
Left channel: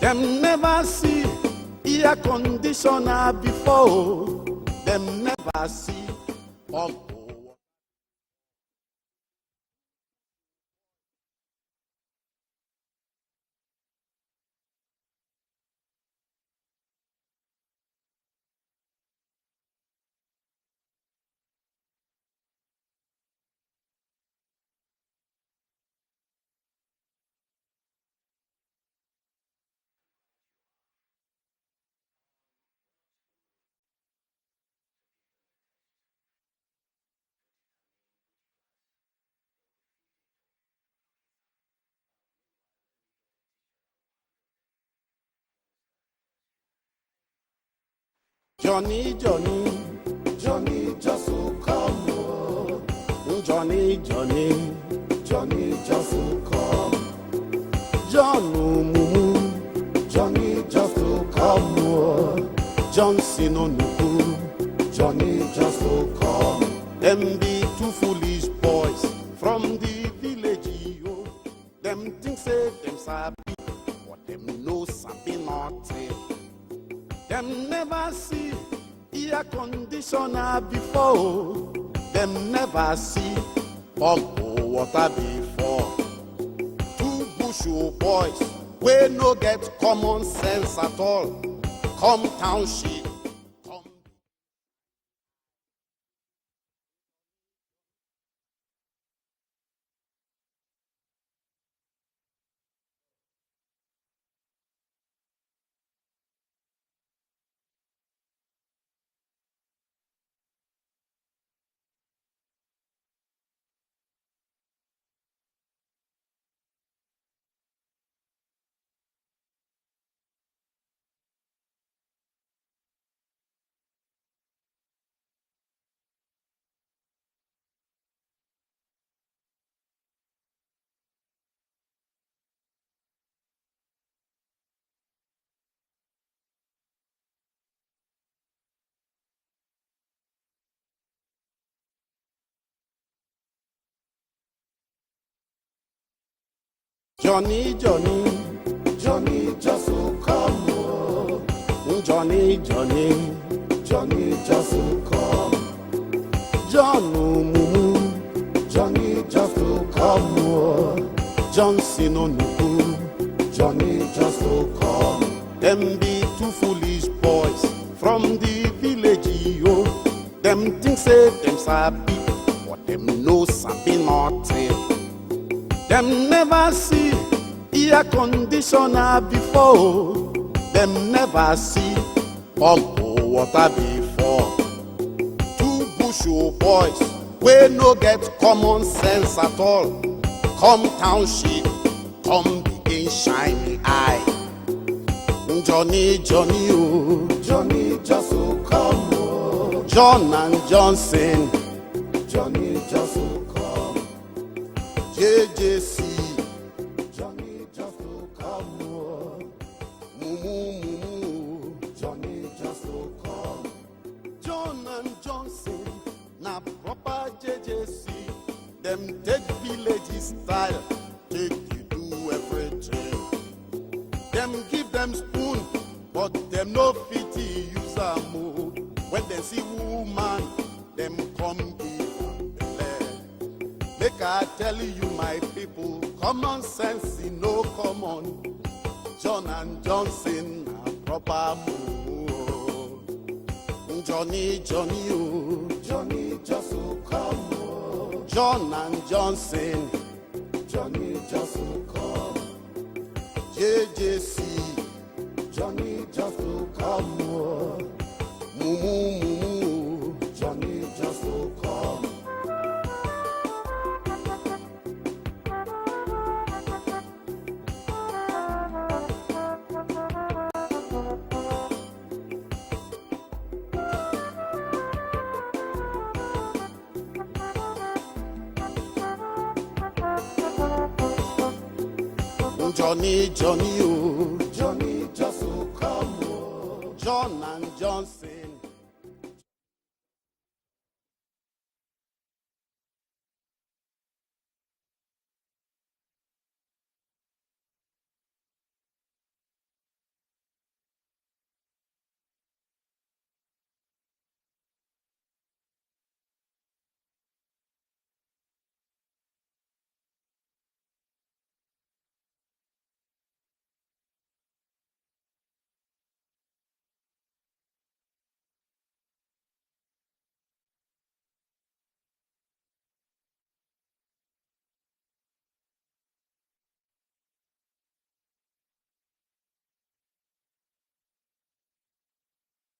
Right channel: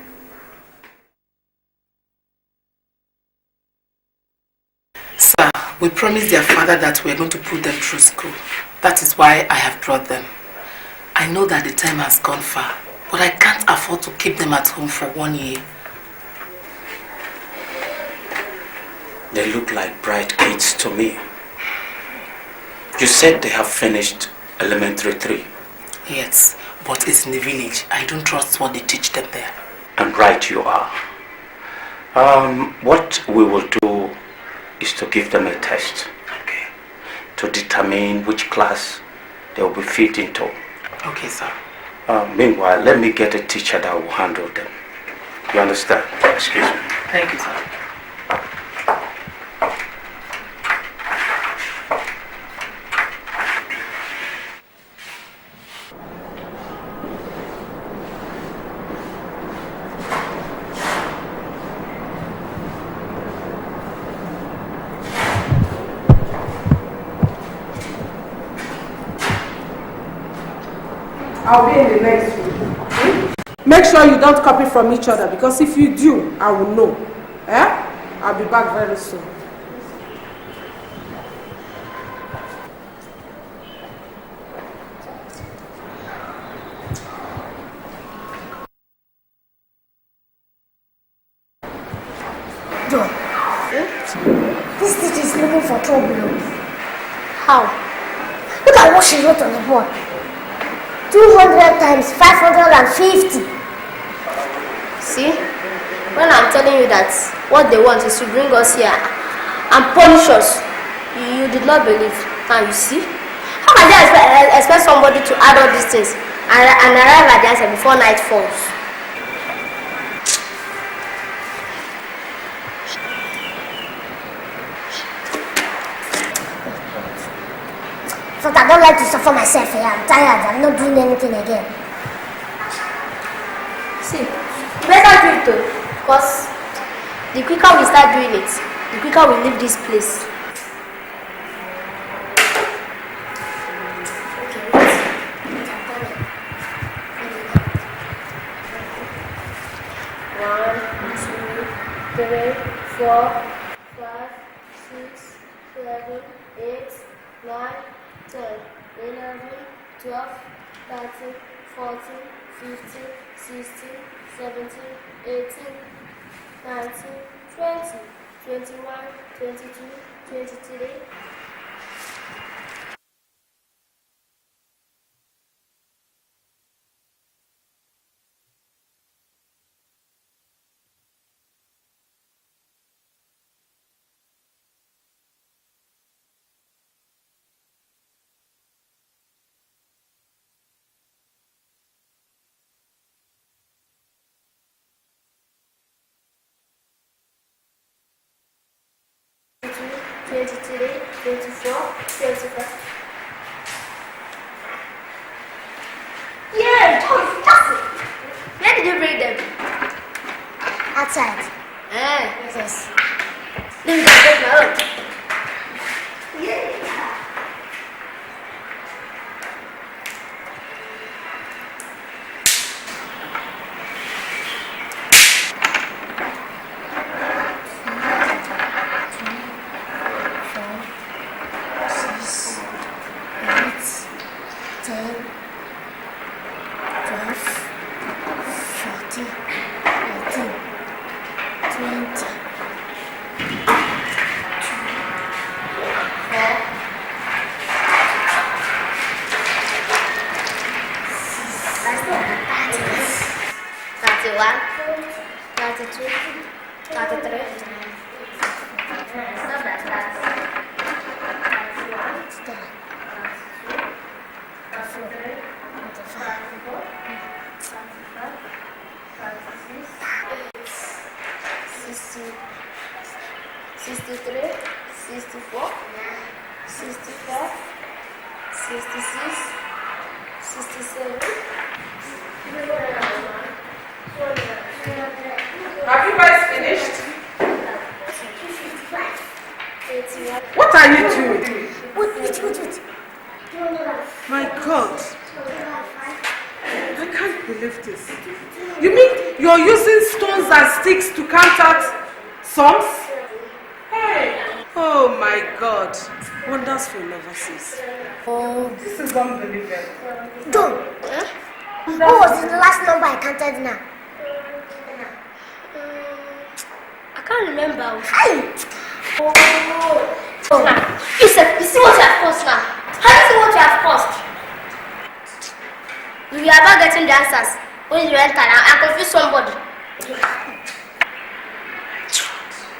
Them never see air conditioner before. Sir, we promised their father that we're going to put them through school. That is why I have brought them. I know that the time has gone far, but I can't afford to keep them at home for 1 year. They look like bright kids to me. You said they have finished elementary 3. Yes, but it's in the village. I don't trust what they teach them there. And right you are. What we will do is to give them a test, okay, to determine which class they will be fit into. Okay, sir. Meanwhile, let me get a teacher that will handle them. You understand? Excuse me. Thank you, sir. Johnny, just come. Johnson on the Johnny, just come. Them be two foolish boys from the village. I'll be in the next room. Make sure you don't copy from each other, because if you do, I will know. I'll be back very soon. Before, them never see water before. Two push boys, we no get common sense at all. Come down. John, this teacher is looking for trouble. How? Look at what she wrote on the board. 200 times 550. See? When I'm telling you that what they want is to bring us here and punish us, you did not believe. Now you see? How can they expect somebody to add all these things and arrive at the answer before night falls? But I don't like to suffer myself here. I'm tired. I'm not doing anything again. See, better do it though. Because the quicker we start doing it, the quicker we leave this place. Okay, wait. Johnny, Johnny, Johnny just will come. Johnny, Johnny, Johnny just will come. Johnny just will come. Johnson on Johnny just will come. Them be two foolish boys from the village, yo. Them things say them sabi, but them no sabi nothing. Them never see air conditioner before. Them never see pump water before. Two bushel boys, we no get common sense at all. Come township, come begin shiny eye. Johnny, Johnny, oh, Johnny just will come. Oh. John and Johnson, Johnny just will come. JJC. Yeah, Johnson. Where did you bring them? Outside. Yes. Let me just take my own. Yeah. Them take village style. Them give them food, but they no pity inside. When they see woman, them come back. They are telling you, my people, common sense is no common. John Johnson, Papa, Johnny, Johnny, John and Johnson. 21, 22, Johnny, oh, Johnny, just Have you guys finished? What are you doing? Wait. My God. I can't believe this. You mean you're using stones and sticks to count out sums? Hey. Oh my God. Wonders will never cease. Oh, This is unbelievable. John. What was the last number I counted now? I can't remember. Hey! Oh. Now, you see what you have cost now. How do you see what you have cost? We are about getting the answers. When you enter now, I confuse somebody.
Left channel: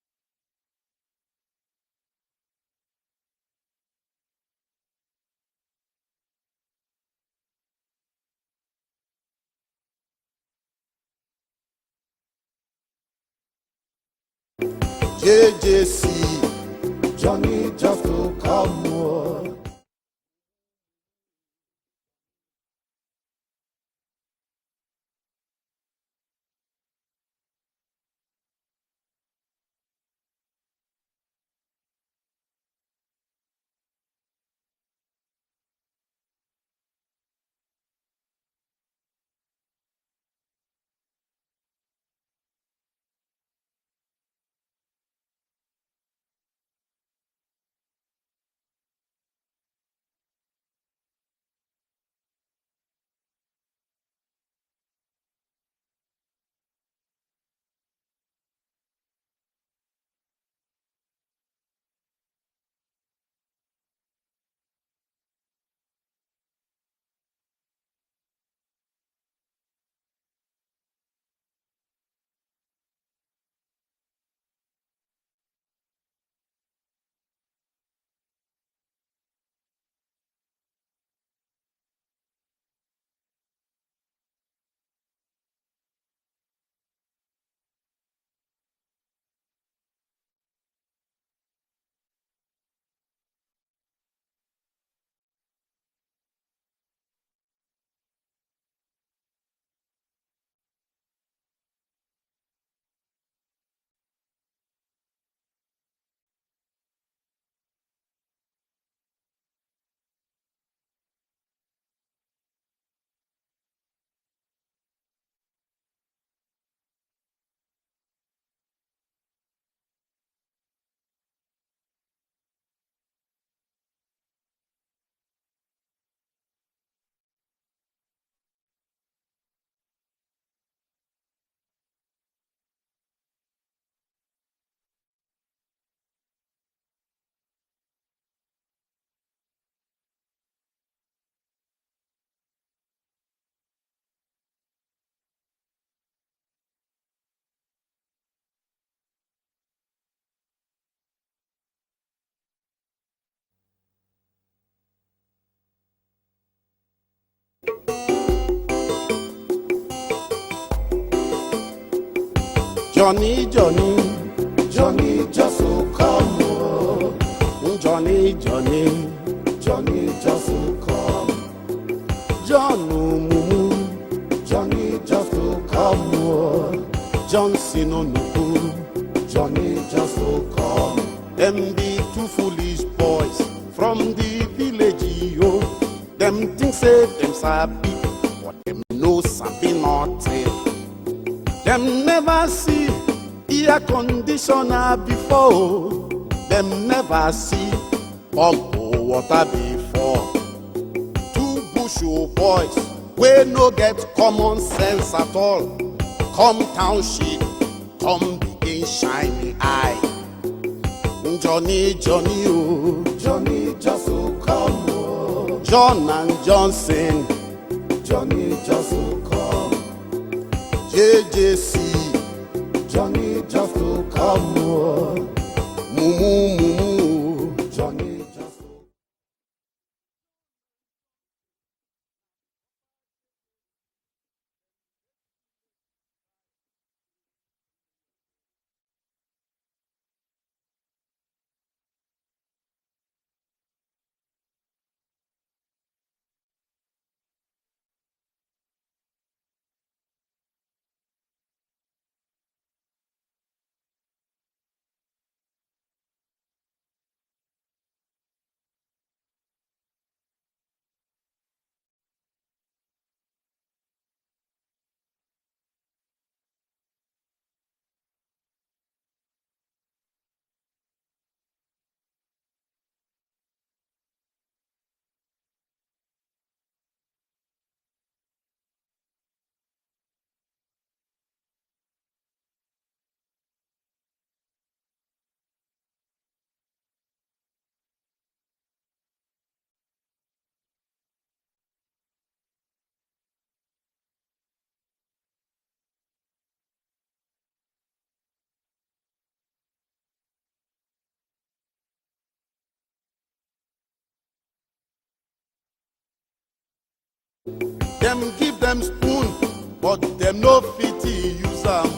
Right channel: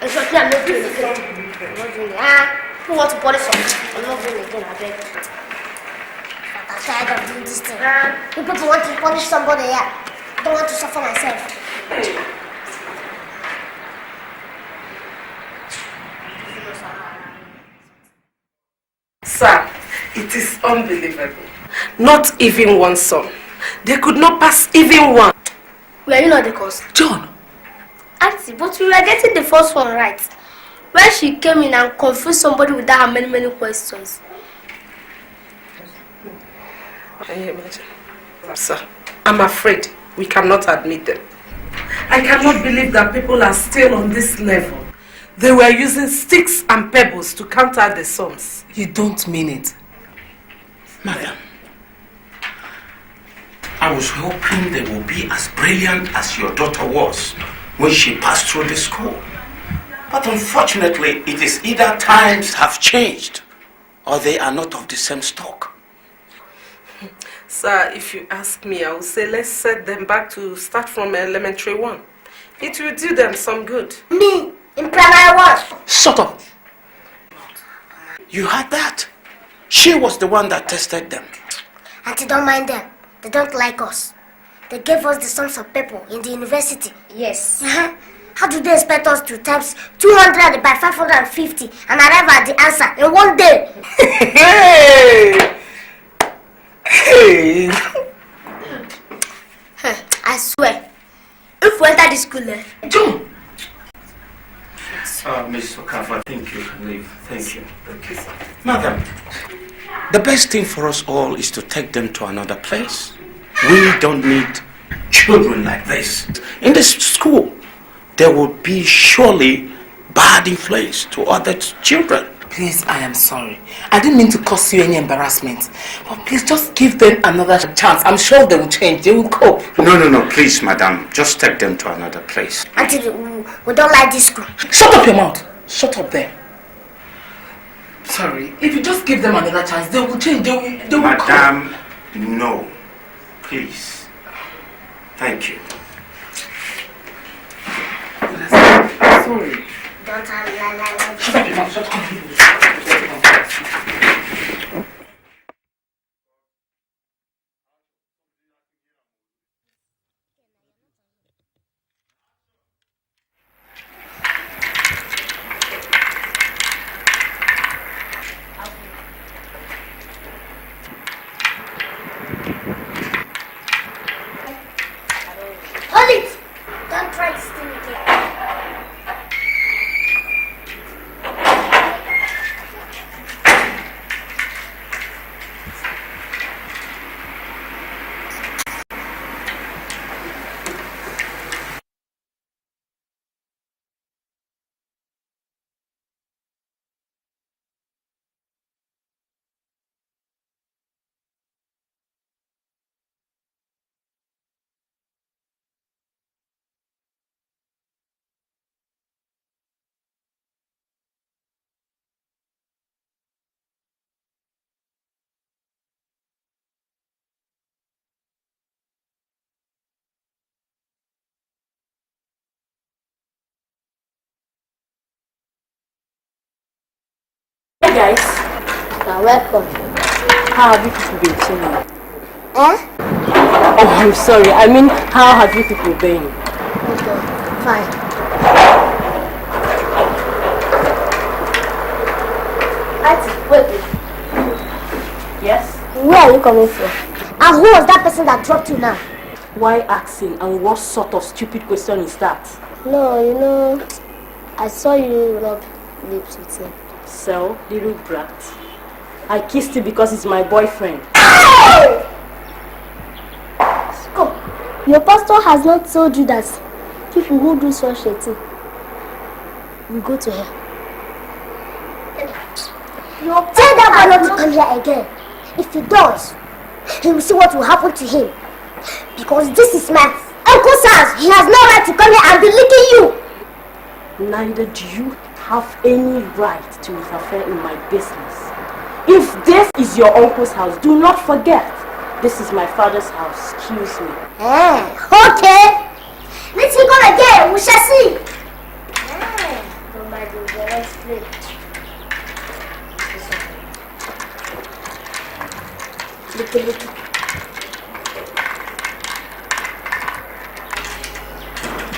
And so I'm not doing it again. Who wants to polish something? I'm not doing it again, I beg. I'm tired of doing this thing. You people want to punish somebody here. I don't want to suffer myself. JJC, Johnny just will come. Sir, it is unbelievable. Not even one sum. They could not pass even one. Were you not the cause? John. Auntie, but we were getting the first one right. When she came in and confused somebody without her many questions. Can you imagine? Sir, I'm afraid we cannot admit them. I cannot believe that people are still on this level. They were using sticks and pebbles to count out the sums. You don't mean it. Madam, I was hoping they would be as brilliant as your daughter was when she passed through the school. But unfortunately, it is either times have changed or they are not of the same stock. Sir, if you ask me, I would say let's set them back to start from elementary 1. It will do them some good. Me, in primary 1. Shut up! You heard that? She was the one that tested them. Auntie, don't mind them. They don't like us. They gave us the sums of people in the university. Yes. How do they expect us to times 200 by 550 and arrive at the answer in one day? Hey! I swear, if we enter this school, John! Miss Okafor, I think you can leave. Thank you. Madam, the best thing for us all is to take them to another place. We don't need children like this. In this school, there will be surely bad influence to other children. Please, I am sorry. I didn't mean to cause you any embarrassment. But please, just give them another chance. I'm sure they will change. They will cope. No, please, madam. Just take them to another place. Auntie, we don't like this school. Shut up your mouth. Shut up there. Sorry. If you just give them another chance, they will change. They will cope. Madam, no. Please. Thank you. Sorry. Don't have Shut up your mouth. Shut up. Johnny, just come. Johnny, just come. Johnny, just come. Johnson on the pool. Johnny, just come. Them two foolish boys from the village, yo. Them things say them sabi, no sabi nothing. Them never see air conditioner before. Them never see pump water before. Two bushel boys, we no get common sense at all. Come township, come begin shiny eye. Johnny, oh, Johnny just so come. Oh. John and Johnson, Johnny just so come. JJC, Johnny just so come. Oh. Mumu. Hey guys, you're welcome. How have you people been chilling? Eh? Oh, I'm sorry. I mean, how have you people been? Okay, fine. Wait. Yes? Where are you coming from? And who was that person that dropped you now? Why asking, and what sort of stupid question is that? No, I saw you rub lips with him. So, little brat. I kissed him because he's my boyfriend. Hey! Come. Your pastor has not told you that people who do such a thing will go to hell. Tell that boy not to come here again. If he does, he will see what will happen to him. Because this is my uncle's house. He has no right to come here and be licking you. Neither do you have any right to interfere in my business. If this is your uncle's house, do not forget, this is my father's house. Excuse me. Okay. Let him come again. We shall see. Them give them spoon, but them no pity use am.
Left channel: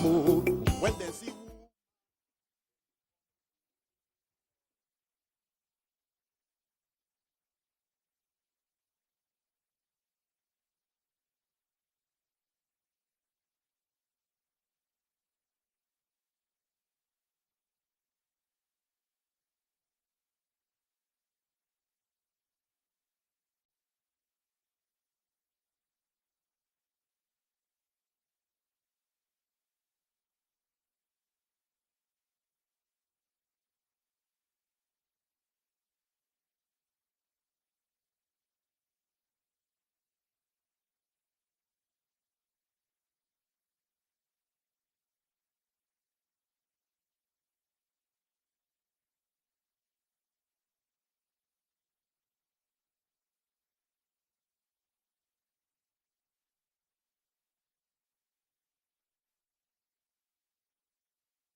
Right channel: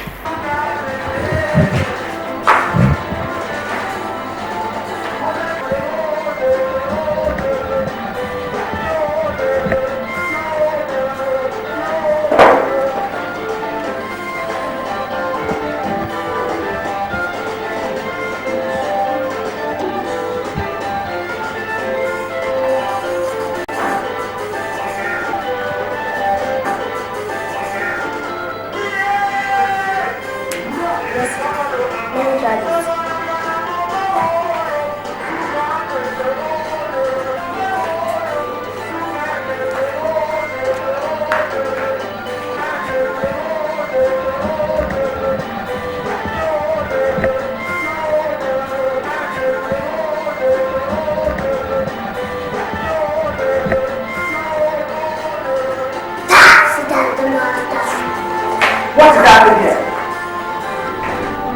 What is happening here?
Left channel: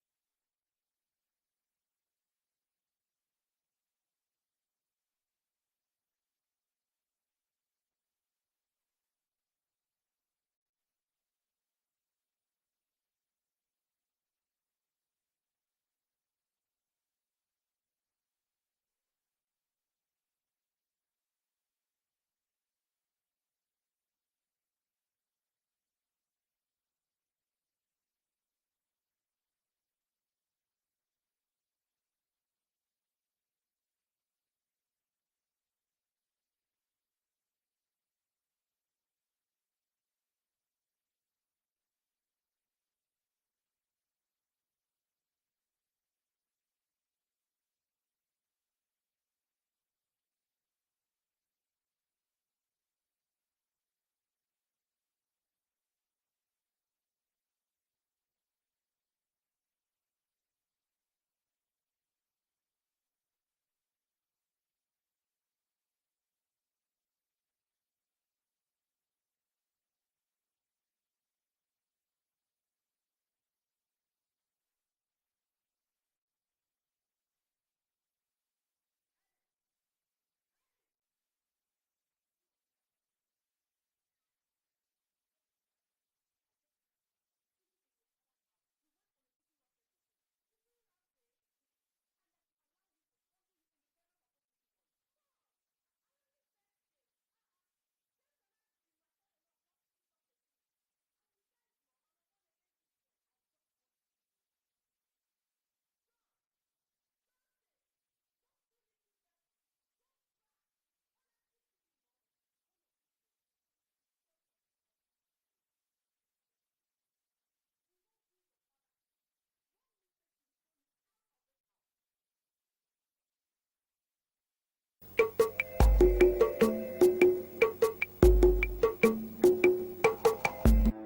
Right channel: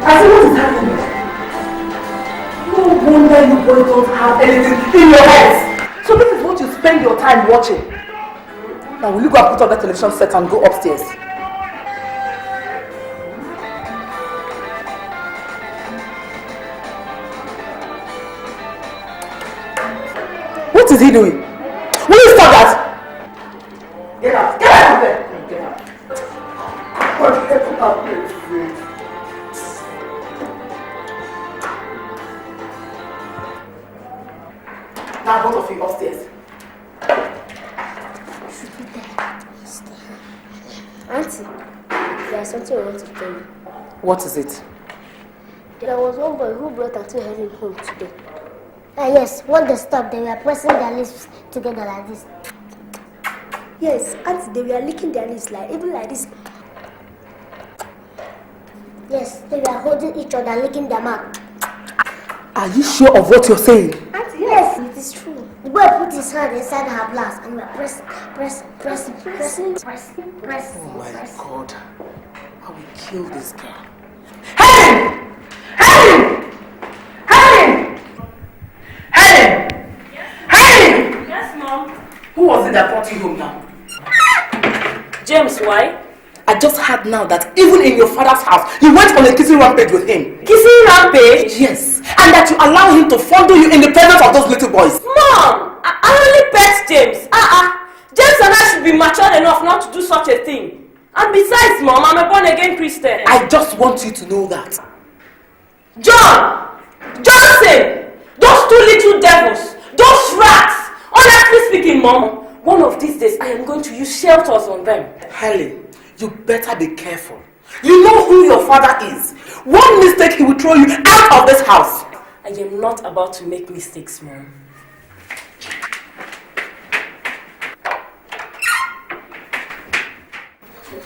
I said, what is happening? No wonder you boys don't have anything in your heads. So this is what you spend your time watching. Now will you go and put on the television set and go upstairs? What is he doing? Will you stop that? Get out. Get out of there. Get out. Now both of you upstairs. Should be there. Auntie, there's something I want to tell you. What is it? There was one boy who brought Auntie Helen home today. Yes, when they stopped, they were pressing their lips together like this. Yes, Auntie, they were licking their lips like even like this. Yes, they were holding each other, licking their mouth. Are you sure of what you're saying? Auntie, yes, it is true. The boy put his hand inside her blouse and we were pressing. Oh my God. I will kill this girl. Helen! Helen! Helen! Helen! Helen! Yes, Mom. Who was it that brought you home now? James, why? I just heard now that even in your father's house, you went on a kissing rampage with him. Kissing rampage? Yes. And that you allow him to fondle you in the presence of those little boys. Mom! I only pet James. James and I should be mature enough not to do such a thing. And besides, Mom, I'm a born-again Christian. I just want you to know that. John! Johnson! Those two little devils! Those rats! Honestly speaking, Mom, one of these days I am going to use shelters on them. Helen, you better be careful. You know who your father is. One mistake, he will throw you out of this house. I am not about to make mistakes, Mom. What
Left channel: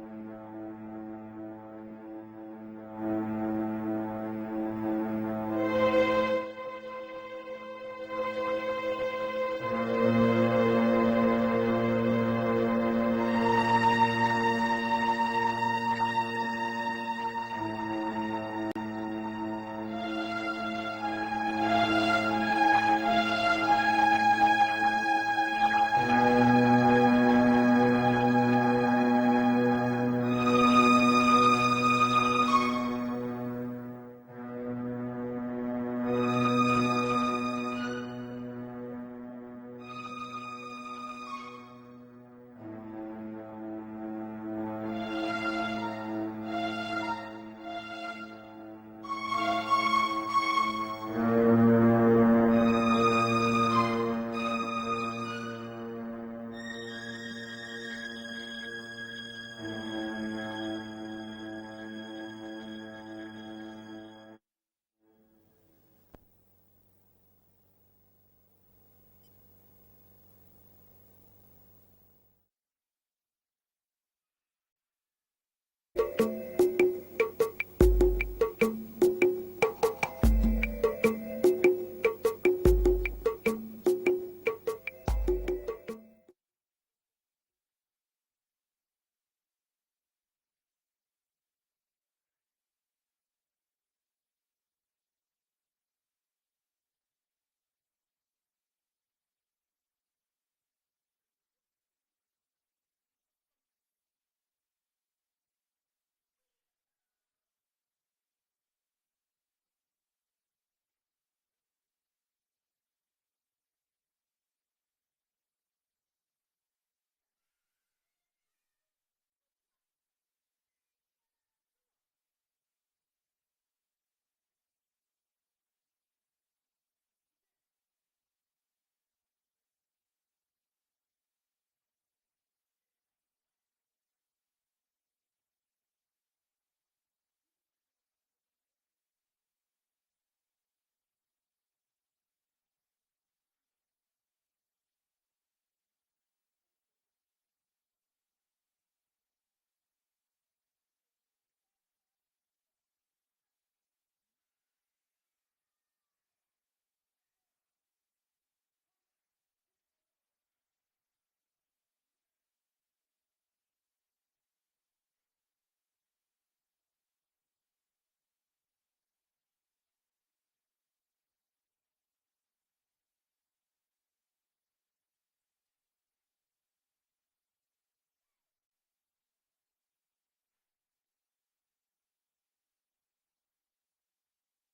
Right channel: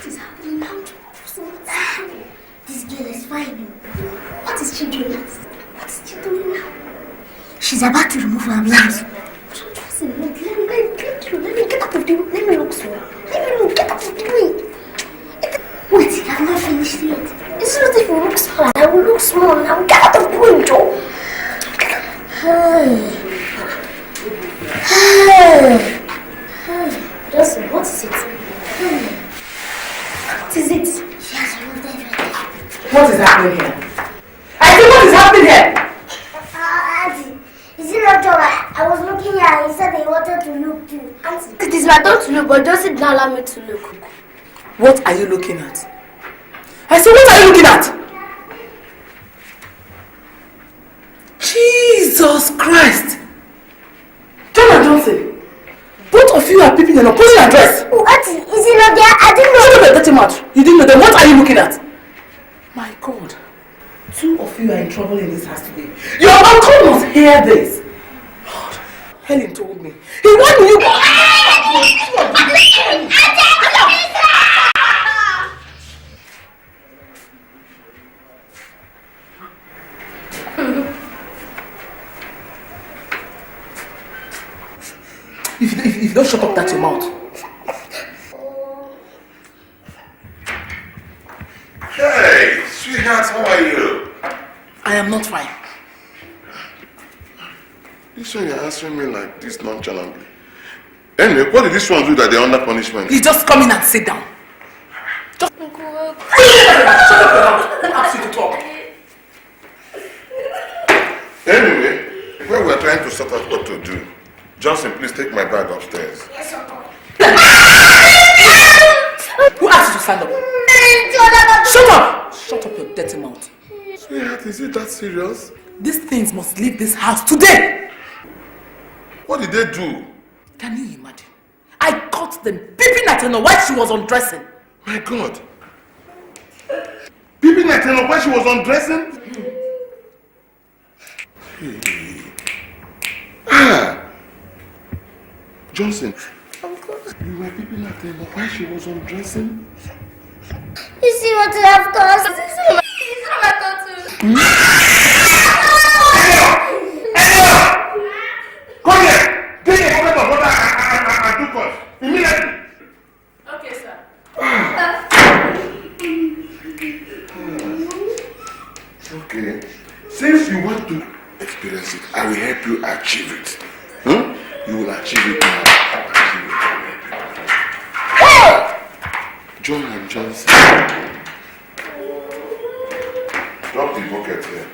is happening now? This girl is fine. What is she doing? What is she doing now? She's about to remove her blouse. Let me get out of the room. Let me look slow. Let me look. Get out of the way. Wait, I've not finished yet. It's not if you look small. I will look small. Now get out of the way, Joe. Listen, what is it? What is it? What is happening here? I said, what is happening here? Auntie, is it not Joe? I was looking here and he said he wanted to look too. Auntie. It is my turn to look, but Josie did not allow me to look. What are you looking at? I said, what are you looking at? Jesus Christ! John and Johnson, both of you are peeping in opposing address. Oh, Auntie, is it not there? I didn't know. Shut up your dirty mouth. You didn't know them. What are you looking at? My God. Two of you are in trouble in this house today. Your uncle must hear this. Lord, Helen told me. He wanted you. If you don't shut up, that's your mouth. Hey, sweetheart, how are you? I am not fine. This one you're answering me like this nonchalantly. Anyway, what did this one do that they're under punishment? You just come in and sit down. Just shut up your mouth. Who asked you to talk? Anyway, when we're trying to sort out what to do, Johnson, please take my bag upstairs. Yes, Uncle. Who asked you to stand up? Shut up! Shut up your dirty mouth. Sweetheart, is it that serious? These things must leave this house today. What did they do? Can you imagine? I caught them peeping at her while she was undressing. My God. Peeping at her while she was undressing? Hey. Johnson, Uncle. you were peeping at her while she was undressing? You see what you have caused? It's not my tattoo. Come here! Take a bucket of water and 2 cups. Immediately. Okay, sir. Okay. Since you want to experience it, I will help you achieve it. You will achieve it now. John and Johnson. Drop the bucket here.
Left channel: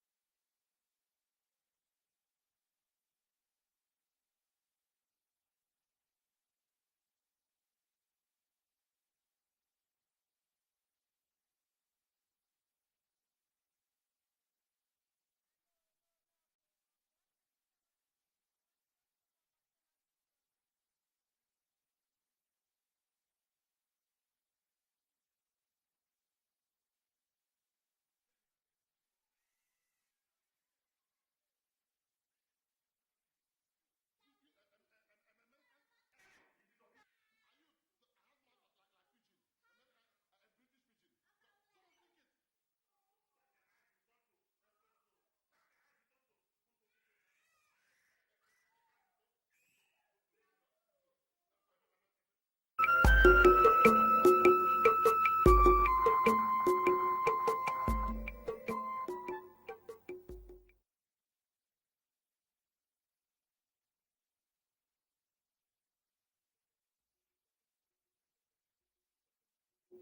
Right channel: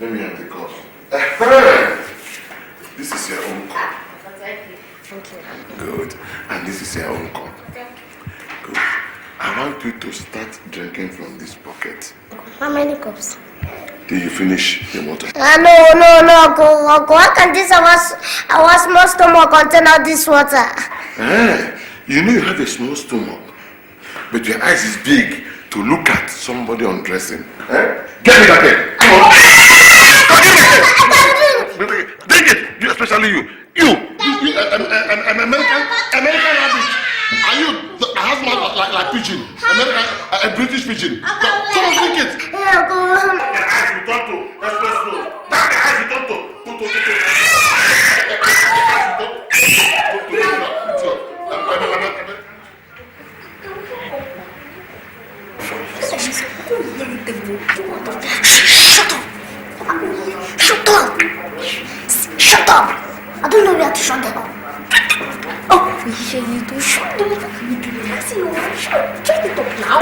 Let me have the cup. This is your own cup. Good. And this is your own cup. Good. I want you to start drinking from this bucket. How many cups? Till you finish the water. No, Uncle. How can this our small stomach contain all this water? You know you have a small stomach, but your eyes is big to look at somebody undressing. Eh? Get me that head. Come on. Take it. You, especially you. You an American rabbit. Are you a husband like pigeon? A British pigeon. Come on, take it. Yeah, go on. The eyes you talk to. Let's go slow. The eyes you talk to. Shut up! I don't know where to shut them up. Oh, you do shut them up. You do shut it up now.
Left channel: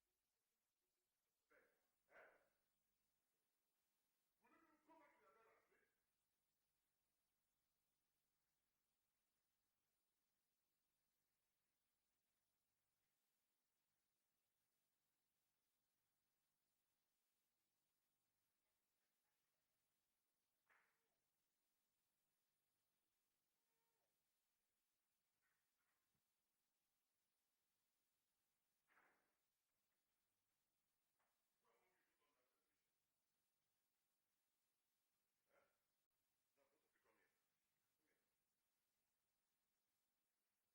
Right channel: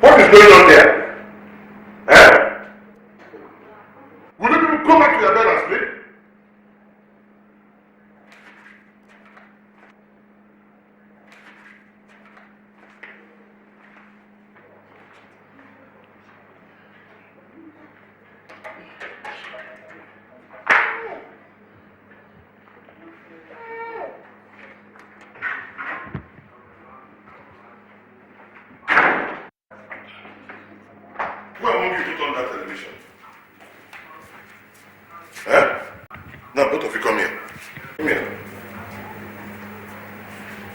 What is going on there? Eh? Will you people go back to your bed and sleep? Who among you put on that television? Eh? Now both of you come here. Come here.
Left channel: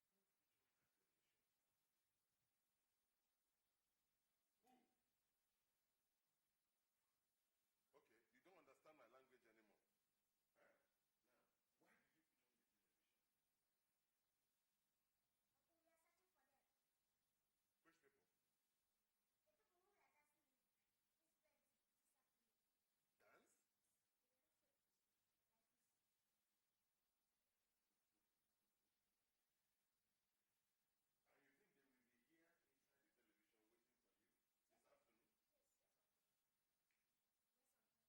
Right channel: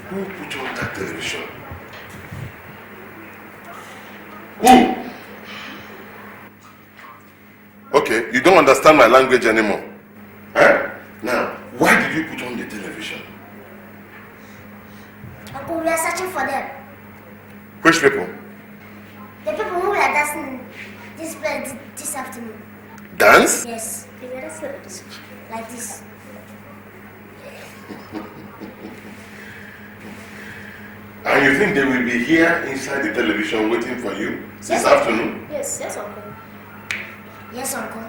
Who put on that television? Who? Okay, you don't understand my language anymore. Eh? Now, why did you put on the television? Uncle, we are searching for them. Which people? The people who were dancing this place this afternoon. Dance? Yes. They were dancing like this. And you think they will be here inside the television waiting for you this afternoon? Yes, Uncle. Yes, Uncle.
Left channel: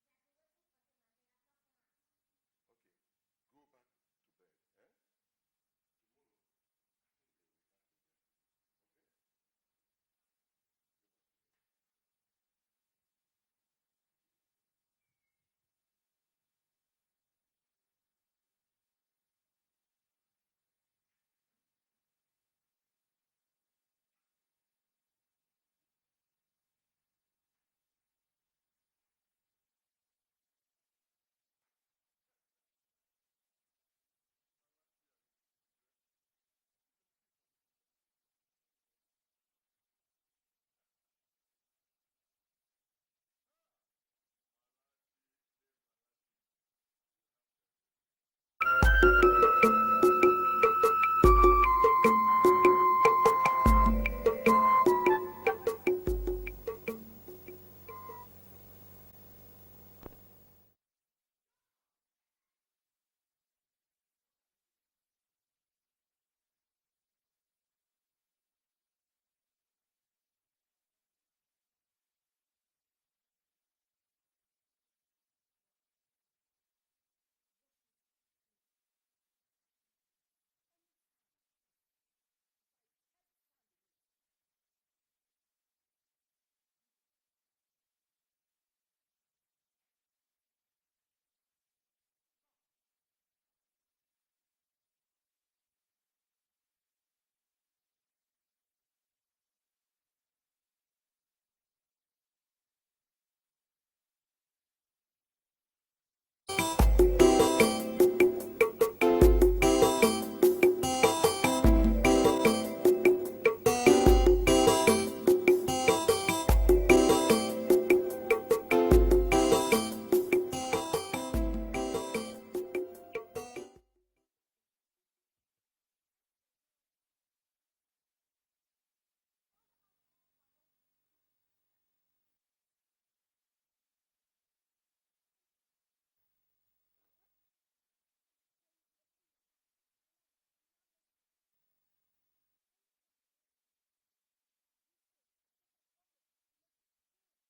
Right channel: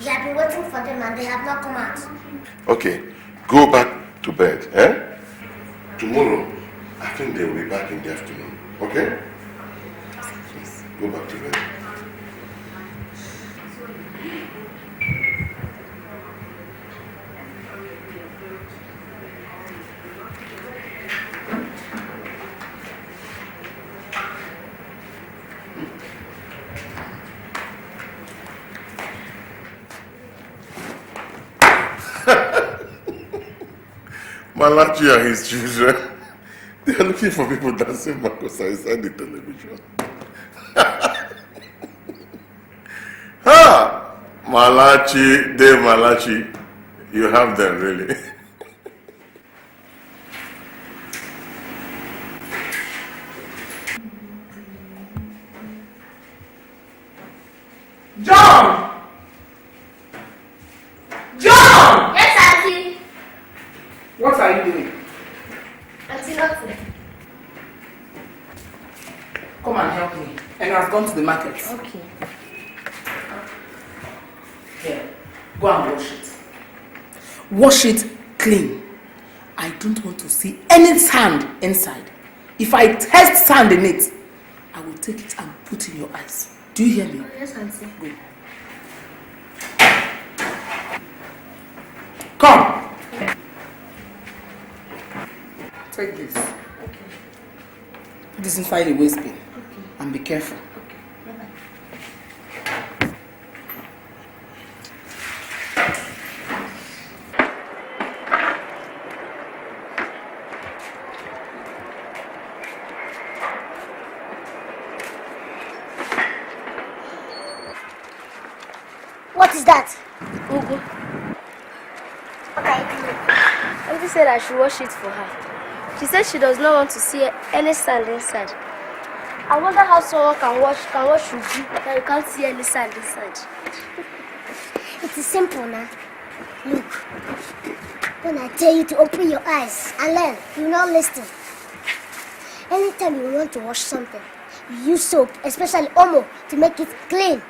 We have been waiting for them and they have not come out. Okay, go back to bed, eh? Tomorrow, I think they will be back in the afternoon, okay? Go back to bed. Malachi and his children, they are looking for people dancing Makosa inside the television. Ha! Malachi, Dave Malachi, you have them really. John! John! Yes, Auntie. What are you doing? Auntie, nothing. Come and help me. And I've gone to the market. Okay. Here, go and wash it. Wash it clean. I don't want to see any sand inside. If I test sand in it, I will take it and put in your eyes. Do you hear me? Yes, Auntie. Go. Come. Take this. Okay. Put this inside the waste bin. Okay. And be careful. What is that? Ugu. Okay. Auntie said I should wash it for her. She said she does not want to see any sand inside. I wonder how someone can wash Ugu that you can't see any sand inside. It is simple now. Look. When I tell you to open your eyes and learn, you will not listen. Anytime you want to wash something, you use soap, especially Omo, to make it clean.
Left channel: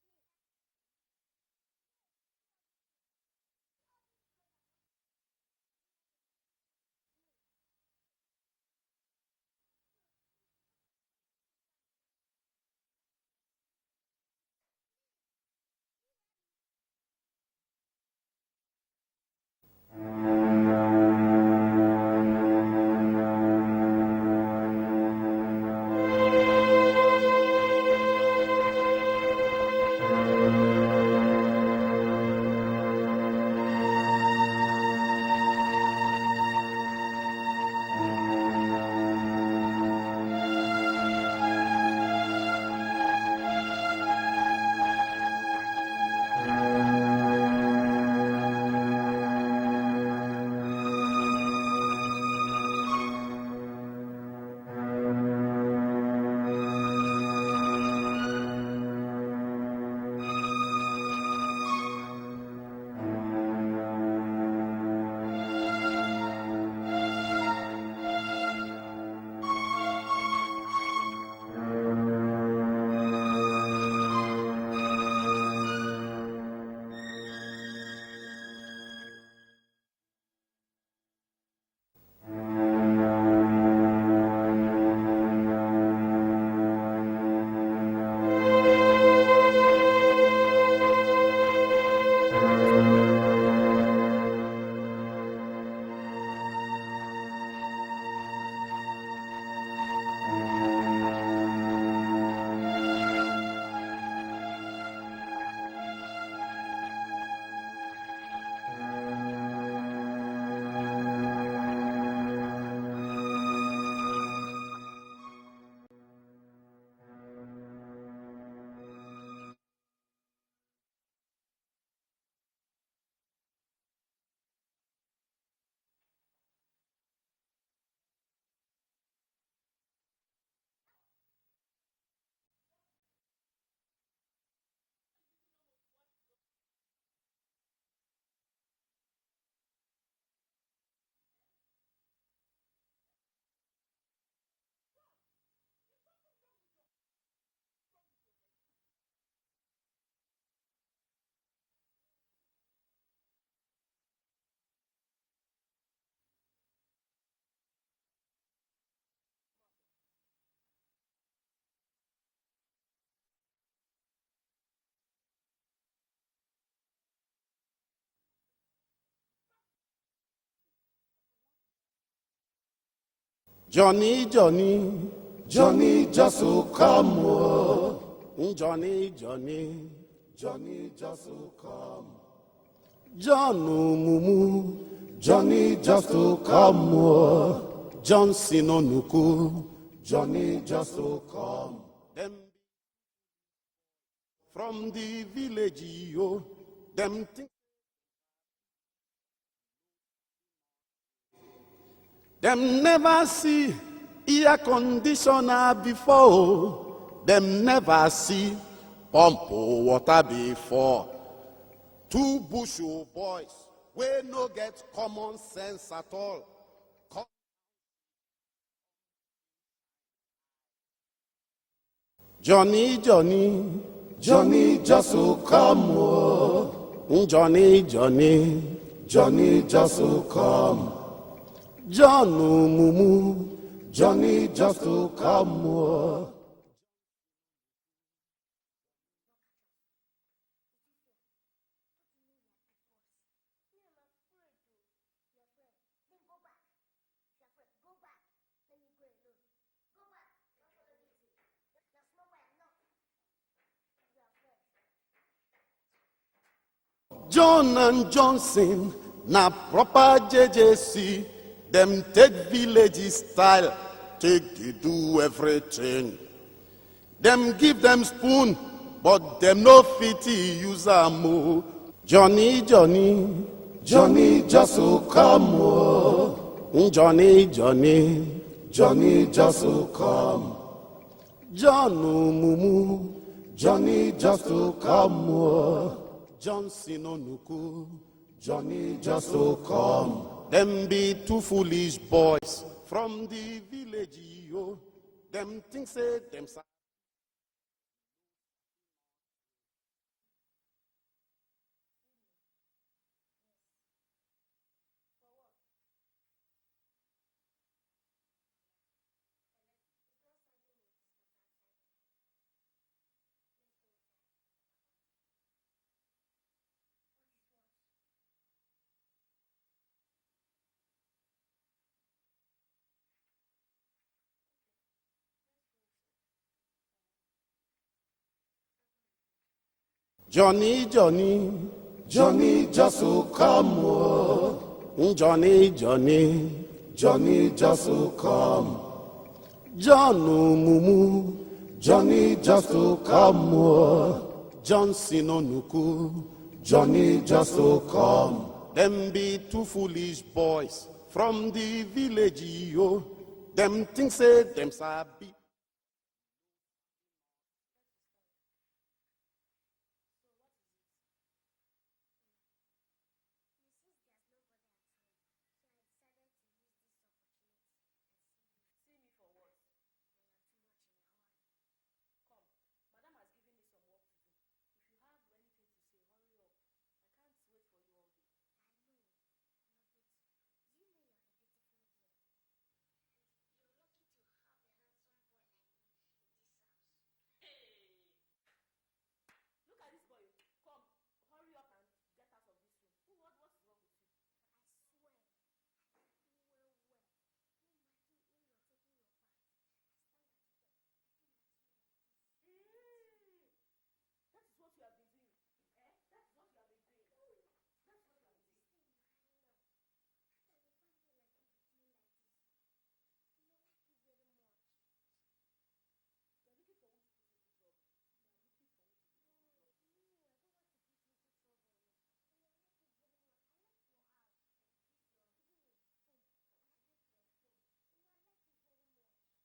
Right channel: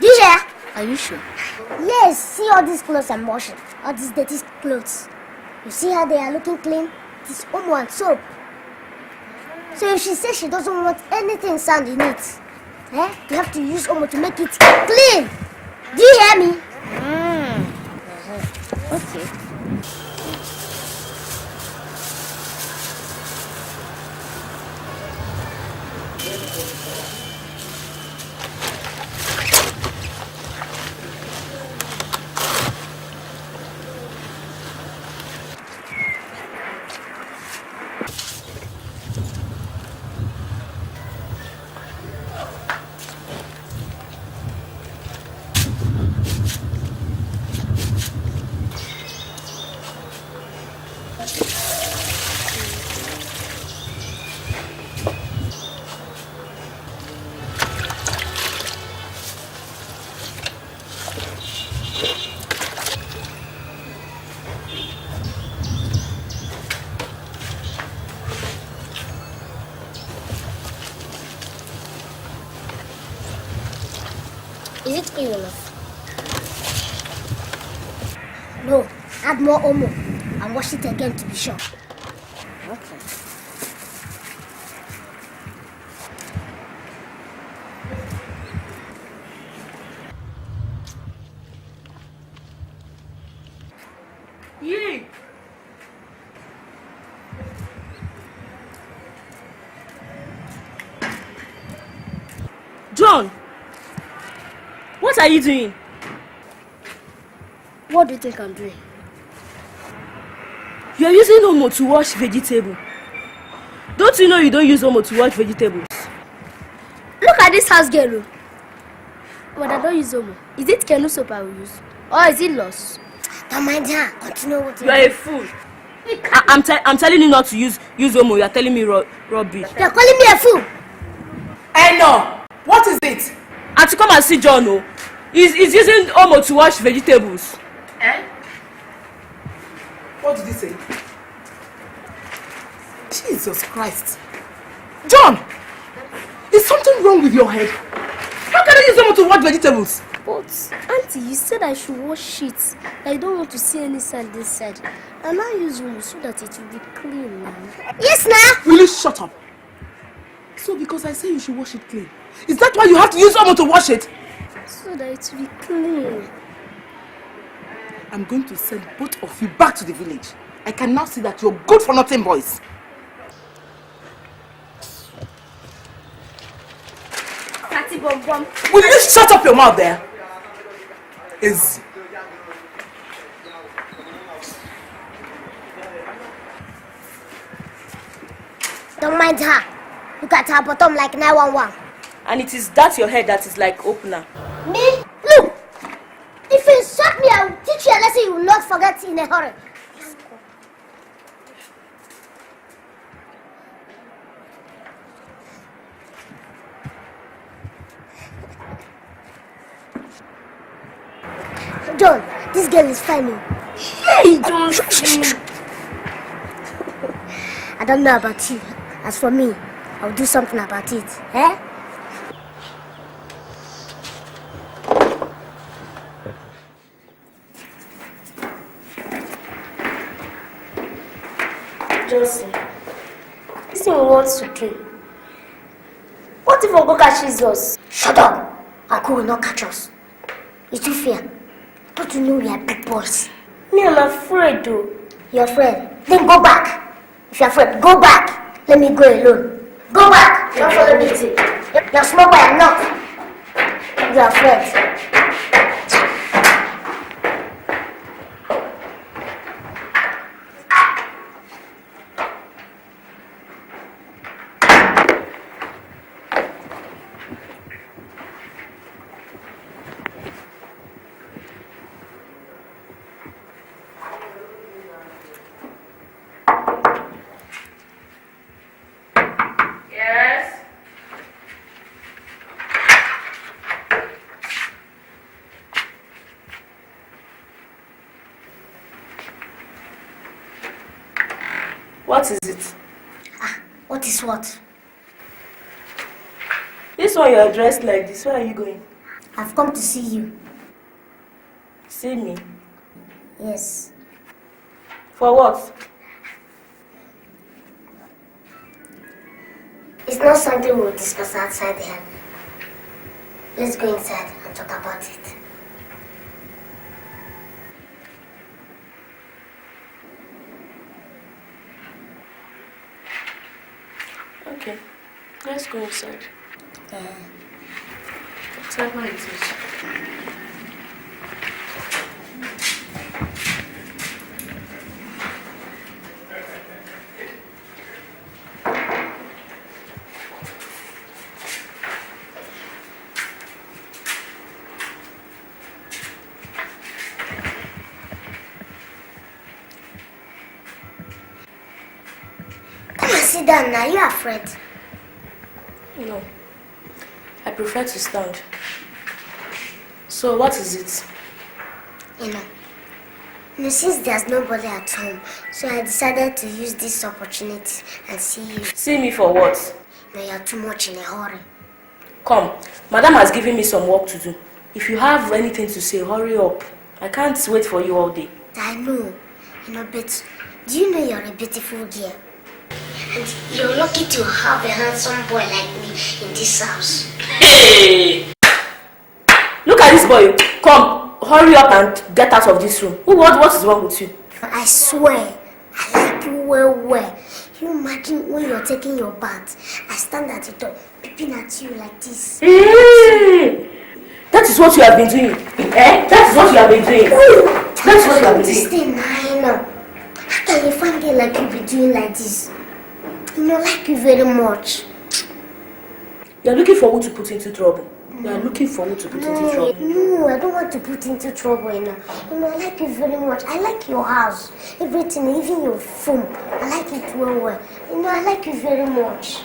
Do you hear? Are you sure? Yes, see all these clothes I'm washing. All these dirty clothes. You see how they are looking clean? This omo and soap. So if she says she doesn't want anything sand in it, you have to use omo to make it clean. Do you hear me? Okay. Is it clean enough? No, add more omo and wash it again to be sure. John, what are you doing? What do you think I'm doing? You are using omo to wash vegetable. Don't you know you don't use omo to wash vegetables? Look at this house girl. But I don't use omo. Is it canoe soap I will use? Or is it loss? Don't mind her. Continue what You are a fool. I'm telling you not to use omo. You are telling me rubbish. You're calling me a fool. I know. What is it? And to come and see John, no. He's using omo to wash vegetables. What did he say? Jesus Christ. John! Is something wrong with your head? How can I use omo to wash vegetables? But, Auntie, you said I should wash it. I don't want to see any sand inside. And I use omo so that it will be clean now. Yes, now. Will you shut up? So because I say you should wash it clean, is that why you have to use omo to wash it? So that it will be clean. I'm going to send both of you back to the village. I can now see that you're good for nothing, boys. Johnny, Johnny, Johnny, just to come home. Auntie Bum Bum. Will you shut up your mouth there? Is Johnny, Johnny, just to come home. Johnson on Don't mind her. You got her bottom like 911. And it is that your head that is like opener. Me? Look! If you insult me, I will teach you a lesson you will not forget in a hurry. Them never see air conditioner before. Them never see pump water before. John, this girl is funny. Hey, don't. I don't know about you. As for me, I'll do something about it. Eh? Johnny, Johnny, Johnny, just to come home. Johnny, Johnny, Johnny, just to come. Johnny, Johnny, just to come home. What if Ogo catches us? Shut up! Uncle will not catch us. You too fear. Don't you know we are big boys? Me, I'm afraid though. You're afraid? Then go back. If you're afraid, go back. Let me go alone. Go back! Don't follow me. You're small boy, I'm not. You're afraid. John and Johnson, na proper JJC. Them take village style, take do everything. Them give them spoon, but them no pity use am. Johnny, Johnny, Johnny, just to come home. Johnny, Johnny, Johnny, just to come. Johnny, Johnny, just to come home. Johnson Onuku, Johnny, just to come. Them be two foolish boys. What is it? From the What is what? them two foolish. This one you are dressed like this. Where are you going? I've come to see you. See me? Yes. For what? It's not something we'll discuss outside here. Let's go inside and talk about it. Okay, let's go inside. Whatever it is. Johnny, Johnny, Johnny just will come. Oh. Johnny, Johnny, Johnny just will come. John Mumu, Johnny just will come. Oh. Johnson Onuku, Johnny just will come. Them be two foolish boys from the village. Come and sit down now, you are afraid? No, I prefer to stand. So what is it? You know, since there's nobody at home, so I decided to use this opportunity and see you. See me for what? No, you're too much in a hurry. Come, Madam has given me some work to do. If you have anything to say, hurry up. I can't wait for you all day. I know, but do you know you're a beautiful girl? And you're lucky to have a handsome boy like me in this house. Hey! Look at this boy. Come, hurry up and get out of this room. What is wrong with you? I swear, I like you well. You imagine when you're taking your bath, I stand at the door, peeping at you like this. Hey! That is what you have been doing. Eh? That is what you have been doing. That is what you have been doing. Stay now, I know. How can a fine girl like you be doing like this? I like you very much. You are looking for who to put into trouble. You are looking for who to put into trouble. No, I don't want to put into trouble, I like you very much. I like your house, everything, even your phone. I like it well. I like you very much.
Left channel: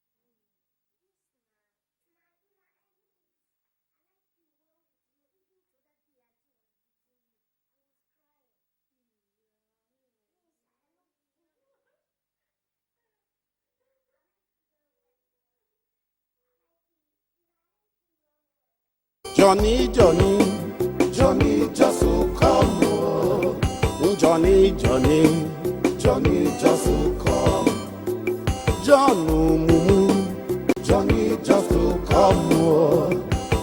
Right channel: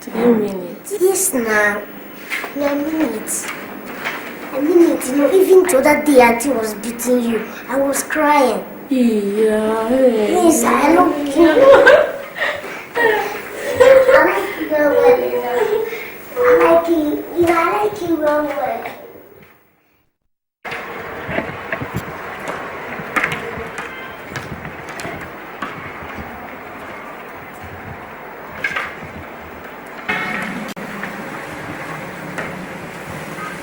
Do you mean it? Yes, now. I mean it. Even the other day auntie was beating you. I was crying. Yeah. Yes, I love you. I like you very well, I like you very well. Johnny, Johnny, Johnny just will come. Johnny, Johnny, Johnny just will come. John Mumu, Johnny just will come.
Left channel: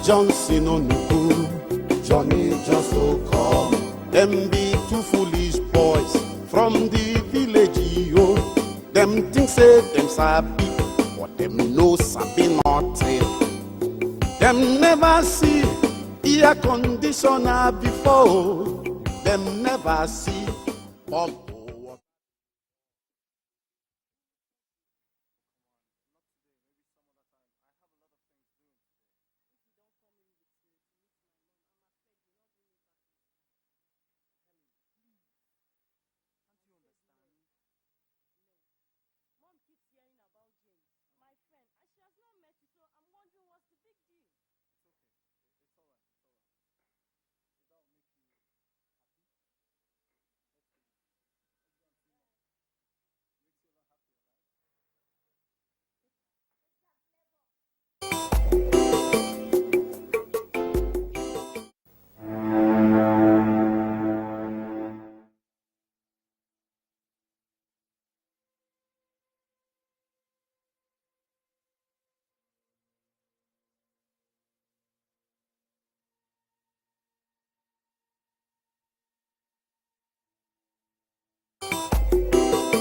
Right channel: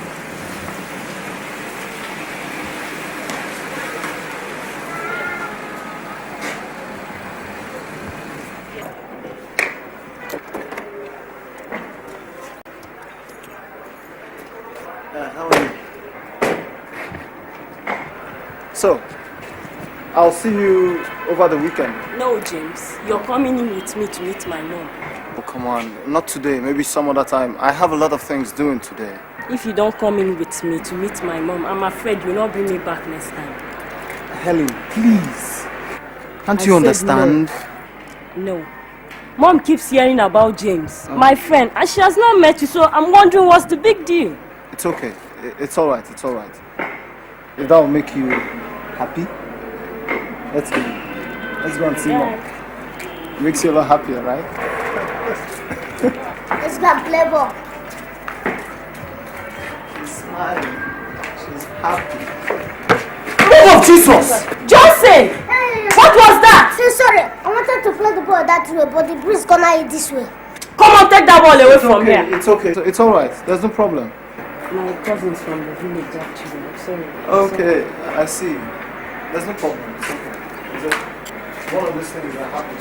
Johnson Onuku, Johnny just will come. Them be two foolish boys from the village. Them things say them sabi, but them no sabi nothing. Them never see air conditioner before. So, them never I'll see you over the weekend. No, James. You're coming in with me to meet my mom. Oh, come on. Not today. Maybe some other time. I have a lot of things doing today. If you don't come in with me to meet my mom, I'm afraid you'll not bring me back next time. Helen, please. Can't you understand? No. Mom keeps hearing about James, my friend, and she has not met you, so I'm wondering what's the big deal. It's okay. It's all right. It's all right. If that will make you happy, let's go. Let's go and see Mom. Makes you a lot happier, right? Let's go and play ball. Smile. She's happy. Oh, Jesus! Johnson! What was that? Sorry, I wanted to play the ball that way, but the breeze gonna hit this way. Come on, take that ball away from here. It's okay. It's all right. There's no problem. My cousin's from the village, actually. I'm sorry. Okay, I see. There's no problem. It's okay. Is it one of those things that happen?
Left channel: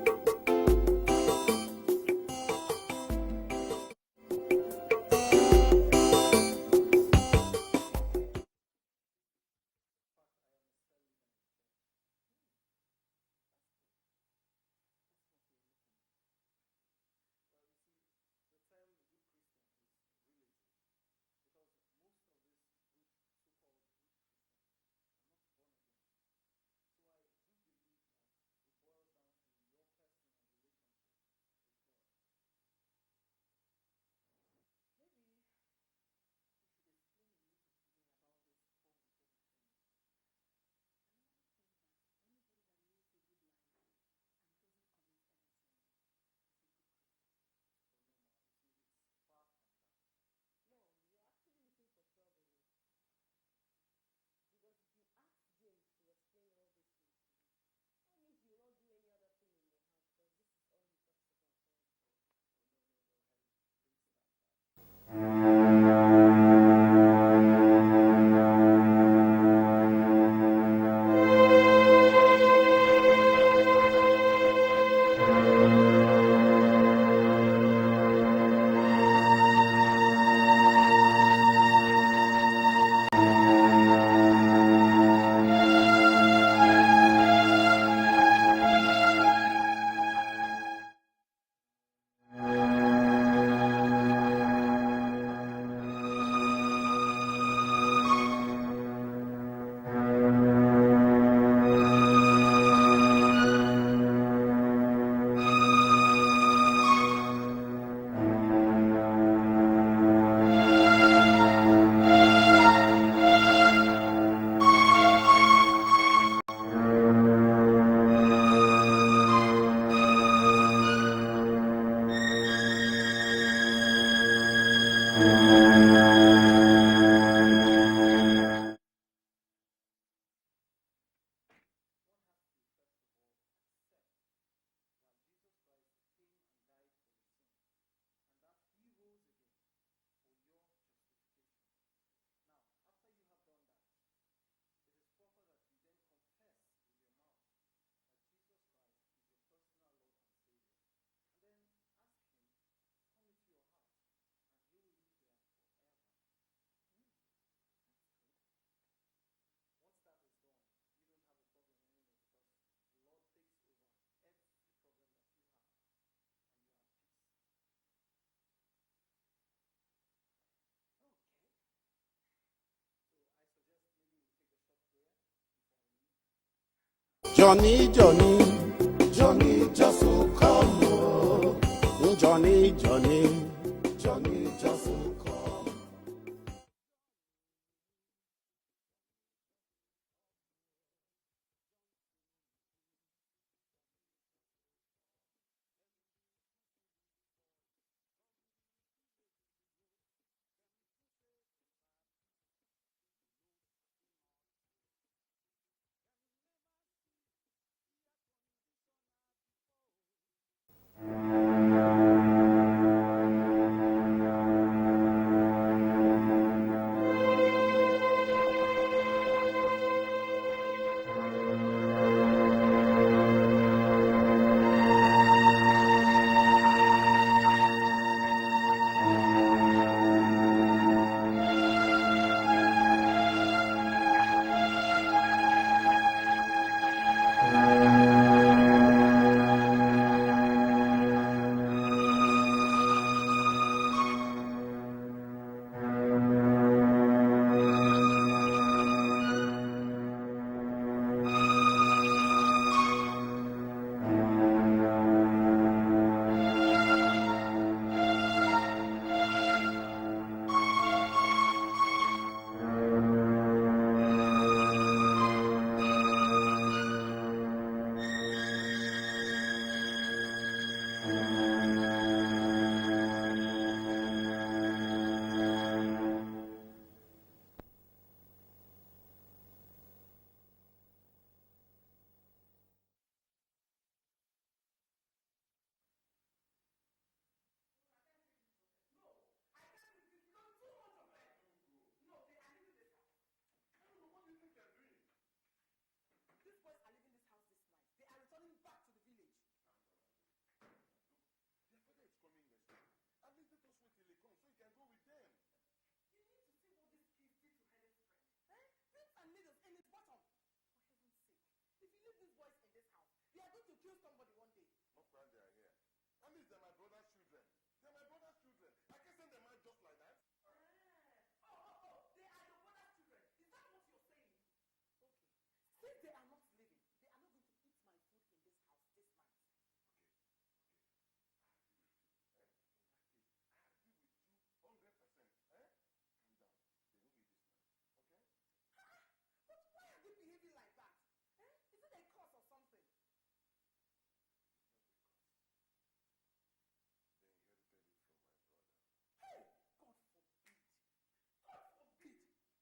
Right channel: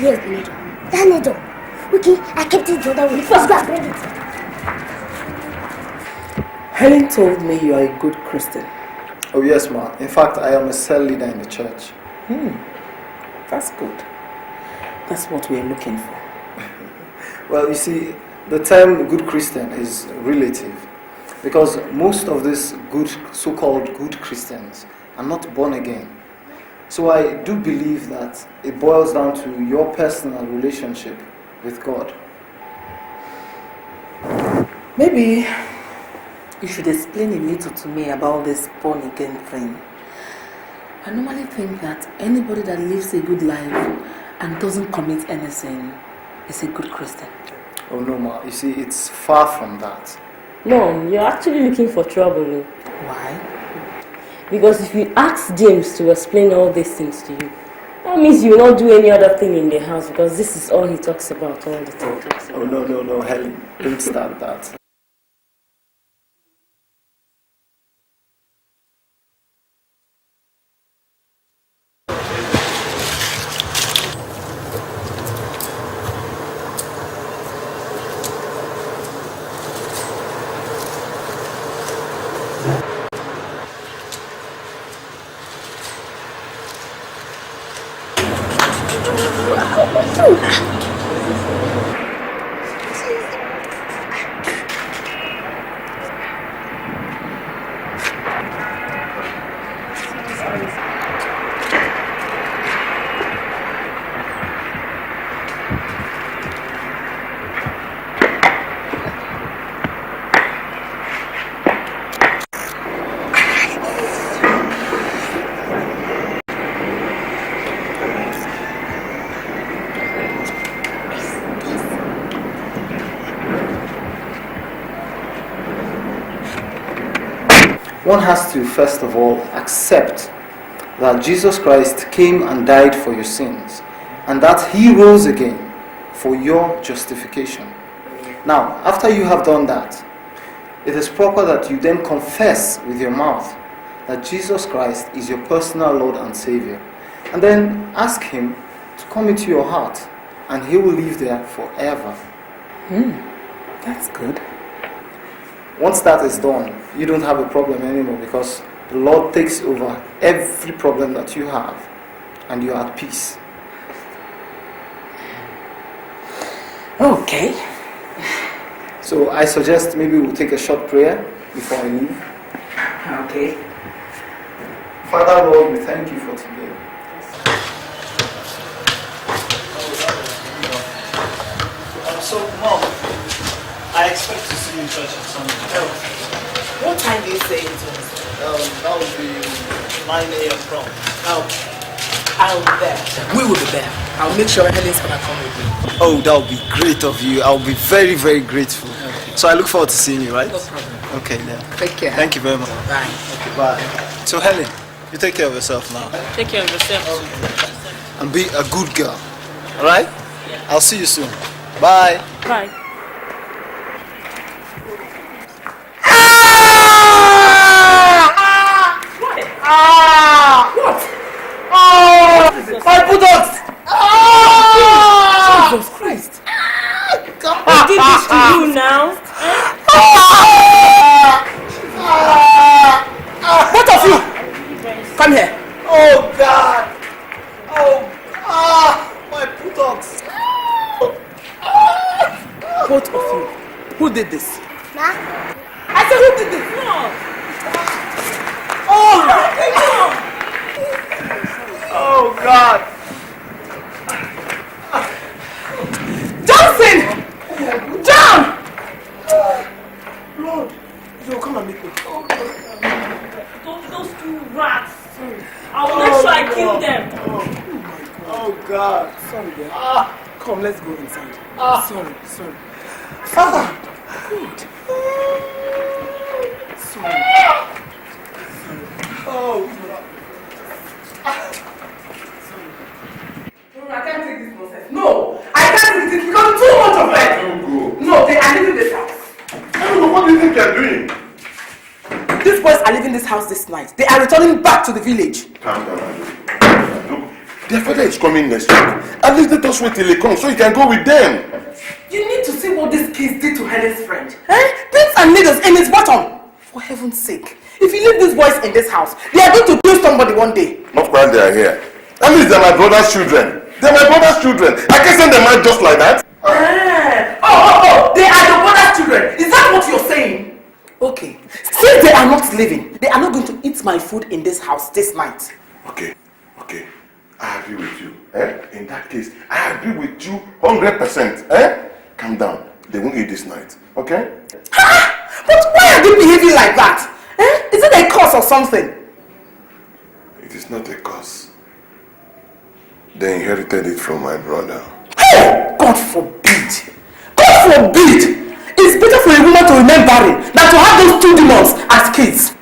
Yes, that needle. Okay, I kept it the other way. First, go and bring it. Helen told me you are a good Christian. Oh yes, ma. In fact, I am a cell leader in the church. That's good. That's what we're looking for. Well, you see, the term good Christian is relative because most of these good, so-called good Christians are not born again. So I do believe that it boils down to your personal relationship with God. Maybe you should explain a little to me about this born again thing. I normally think that anybody that lives a good life and doesn't commit anything is a good Christian. Oh no, Ma. You see, it's far from that. No, you're actually looking for trouble. Why? Because if you ask James to explain all these things to you, that means you will not do any other thing in the house because this is all he talks about all the time. Oh no, Helen. Don't start that. One has to, first of all, accept that Jesus Christ came and died for your sins, and that He rose again for your justification. Now, after you have done that, it is proper that you then confess with your mouth that Jesus Christ is your personal Lord and Savior, and then ask Him to come into your heart, and He will live there forever. That's good. Once that is done, you don't have a problem anymore because the Lord takes over every problem that you have and you are at peace. Okay. So I suggest maybe we'll take a short prayer before I leave. Okay. Father Lord, we thank you for today. Johnny. So, Mom, I expect to see you in church at Sunday. What time do you say it was? That would be 9 a.m. prompt. I'll be there. We will be there. I'll make sure Helen's gonna come with me. Oh, that would be great of you. I'll be very, very grateful. Okay. So I look forward to seeing you, right? No problem. Okay, then. Take care. Thank you very much. Bye. Okay, bye. So Helen, you take care of yourself now. Take care of yourself. And be a good girl. Alright? Yeah. I'll see you soon. Bye. Bye. My bulldogs! Jesus Christ! Who did this to you now? Both of you! Come here. Oh God! My bulldogs! Both of you. Who did this? Ma? I said, who did this? Oh God! Johnson! John! Lord, you come and meet me. Those two rats. I will make sure I kill them. Oh God! Sorry, dear. Come, let's go inside. Sorry. Father! Sorry. Oh I can't take this nonsense. No! I can't take this because too much of it! Don't go. No, they are leaving this house. What do you think you're doing? These boys are leaving this house this night. They are returning back to the village. Calm down. Look, their father is coming next week. At least let us wait till he comes so you can go with them. You need to see what these kids did to Helen's friend. Pins and needles in his bottom. For heaven's sake. If you leave these boys in this house, they are going to kill somebody one day. Not while they are here. At least they're my brother's children. They're my brother's children. I can't send them out just like that. They are your brother's children. Is that what you're saying? Okay. Since they are not living, they are not going to eat my food in this house this night. Okay. I agree with you. In that case, I agree with you 100%. Calm down. They won't eat this night. Okay? But why are they behaving like that? Is it a curse or something? It is not a curse. They inherited it from my brother. Hey! God forbid! God forbid! It's better for a woman to remain barren than to have those two demons as kids.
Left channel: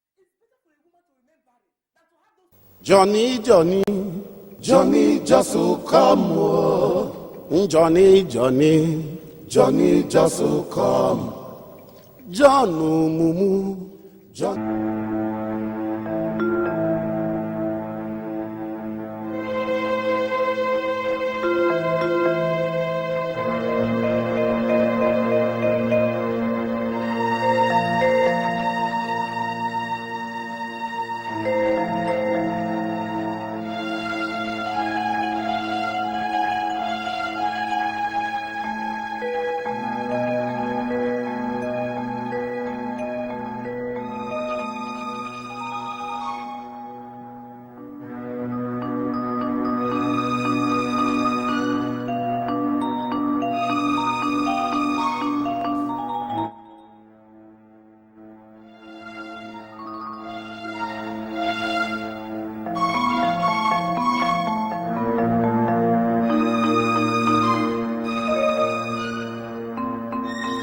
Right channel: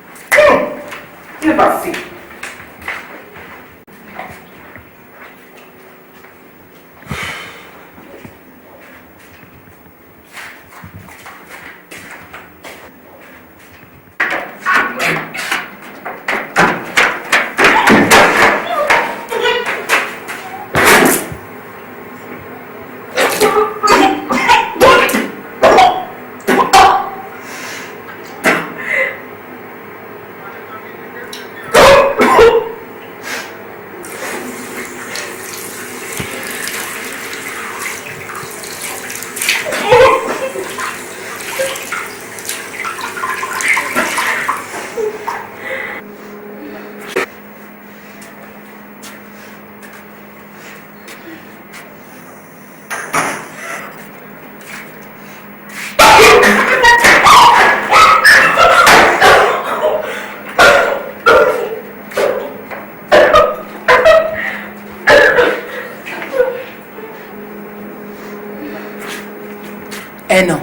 Never see. Johnny, Johnny, Johnny just will come. Oh. Johnny, Johnny, Johnny just will come. John, Mumu, Eno,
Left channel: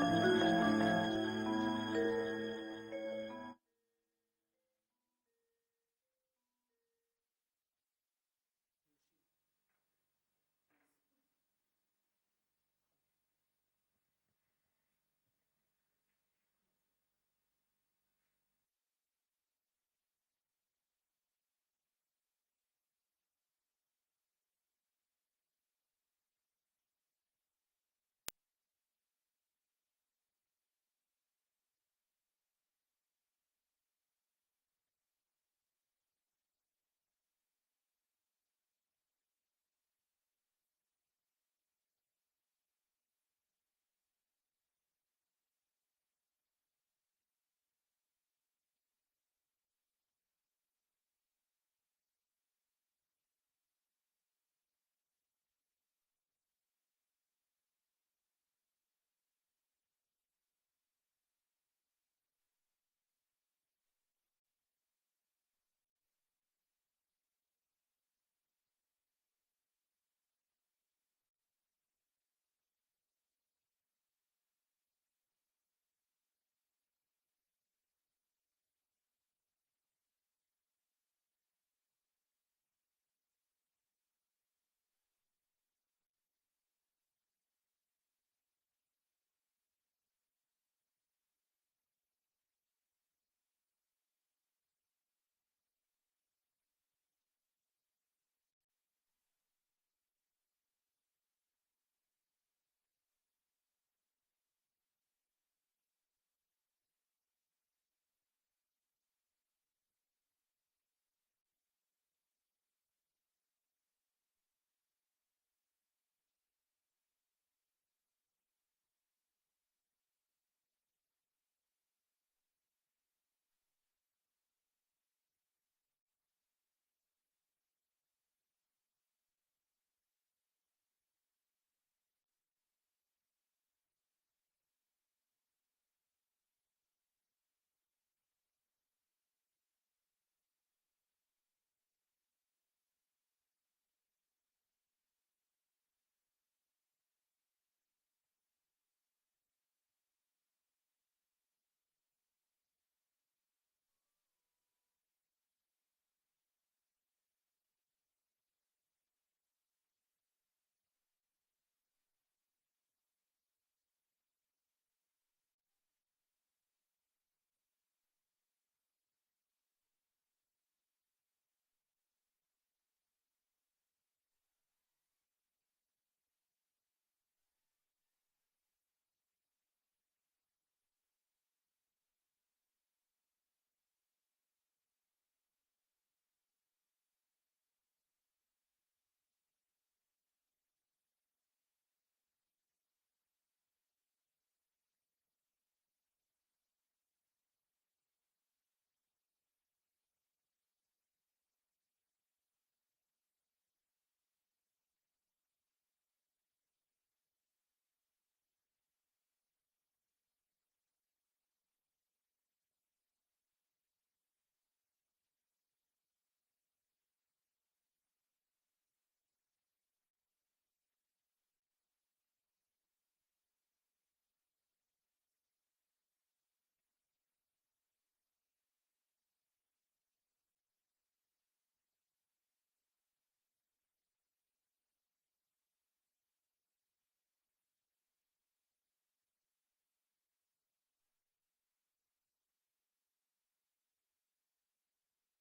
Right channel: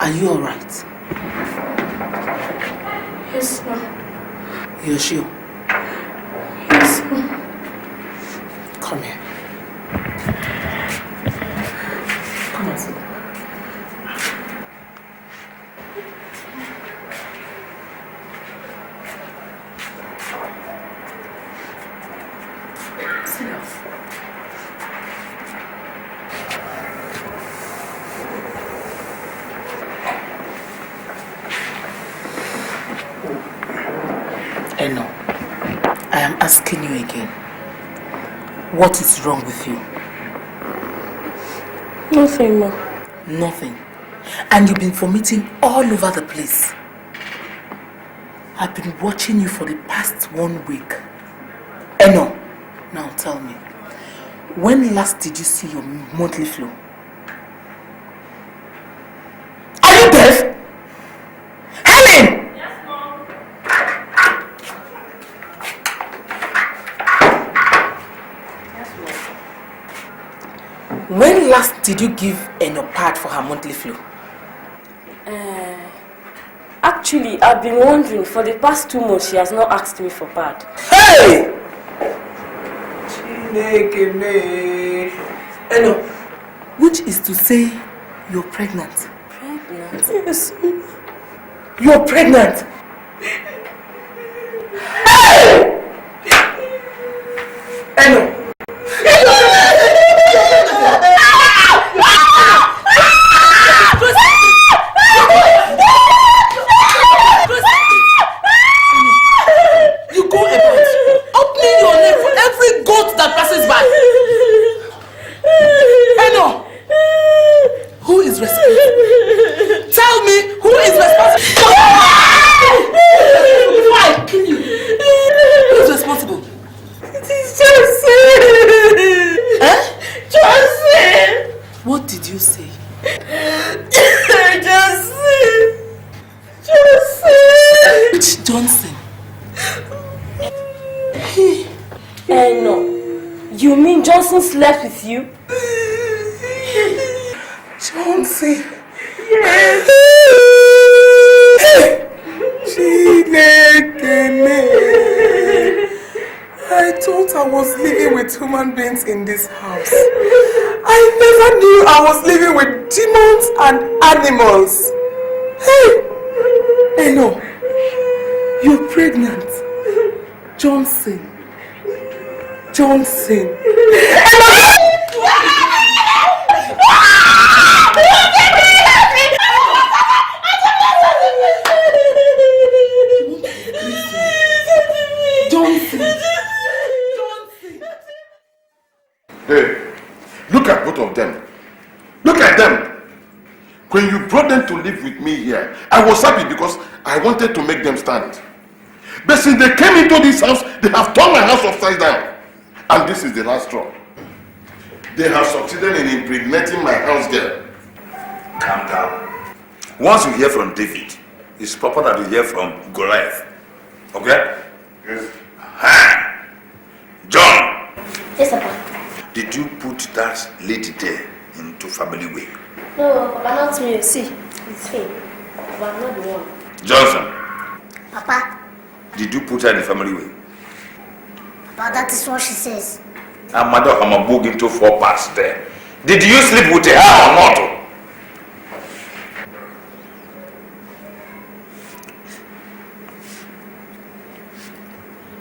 are you alright? Yes, ma'am. You're sure? Yes, ma'am. Come here. Come on, sit. Sit down. Eno, I am asking you again. What is wrong with you? Nothing, ma. Nothing. And you've been vomiting all over the place. I've been watching you for the past 1 week. Eno, now tell me, when last did you see your monthly flow? Are you deaf? Helen! When last did you give Eno pad for her monthly flow? Actually, I've been wondering, for the past 2 months, she has not asked me for pad. Hey! Eno, which is to say, you're pregnant. Pregnant? Yes. You're pregnant. Hey! Eno. You go about opening your leg for every goat that passes by. Eno, who is responsible? Tell me who is responsible. Before I kill you. Who is responsible? It is Johnson. Eh? Johnson. What did you say? Johnson. Johnson. Which Johnson? No. You mean Johnson slept with you? Johnson. Yes. I thought I was living with human beings in this house. I never knew I was living with demons and animals. Hey! Eno, you're pregnant. Johnson. Johnson. Hey, look at both of them. Look at them. When you brought them to live with me here, I was happy because I wanted to make them stand. But since they came into this house, they have turned my house upside down. And this is the last straw. They have succeeded in impregnating my house girl. Calm down. Once you hear from David, it's proper that you hear from Goliath. Okay? put that lady there into family way. No, Papa, not me. See, it's him. But I'm not the one. Johnson. Papa. Did you put her in the family way? Papa, that is what she says. And Madam Hamabug into 4 parts there. Did you sleep with her or not?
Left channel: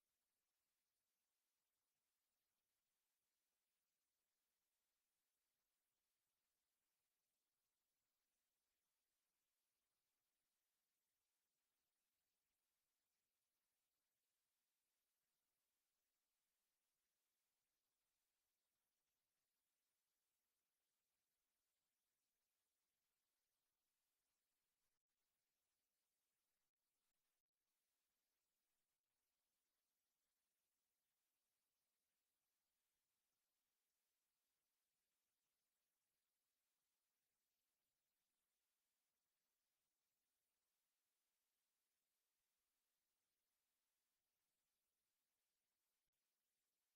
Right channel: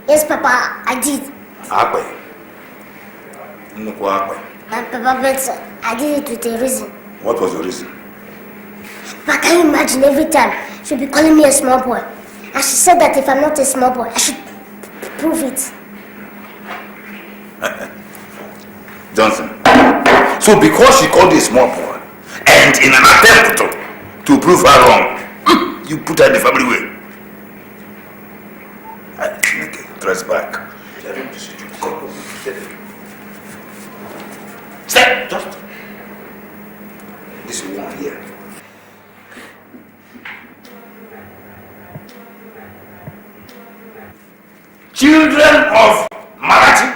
Yes, Papa, I did. Akwe. Papa, but I did it with a reason. what was your reason? But can you imagine every time she'll be calling me a small boy? And she said that if I'm not a small boy, I should prove it. Johnson. So because she called you a small boy, and in an attempt to prove her wrong, you put her in the family way. Okay, dress back. Step, just. This one here. Children of Marathi.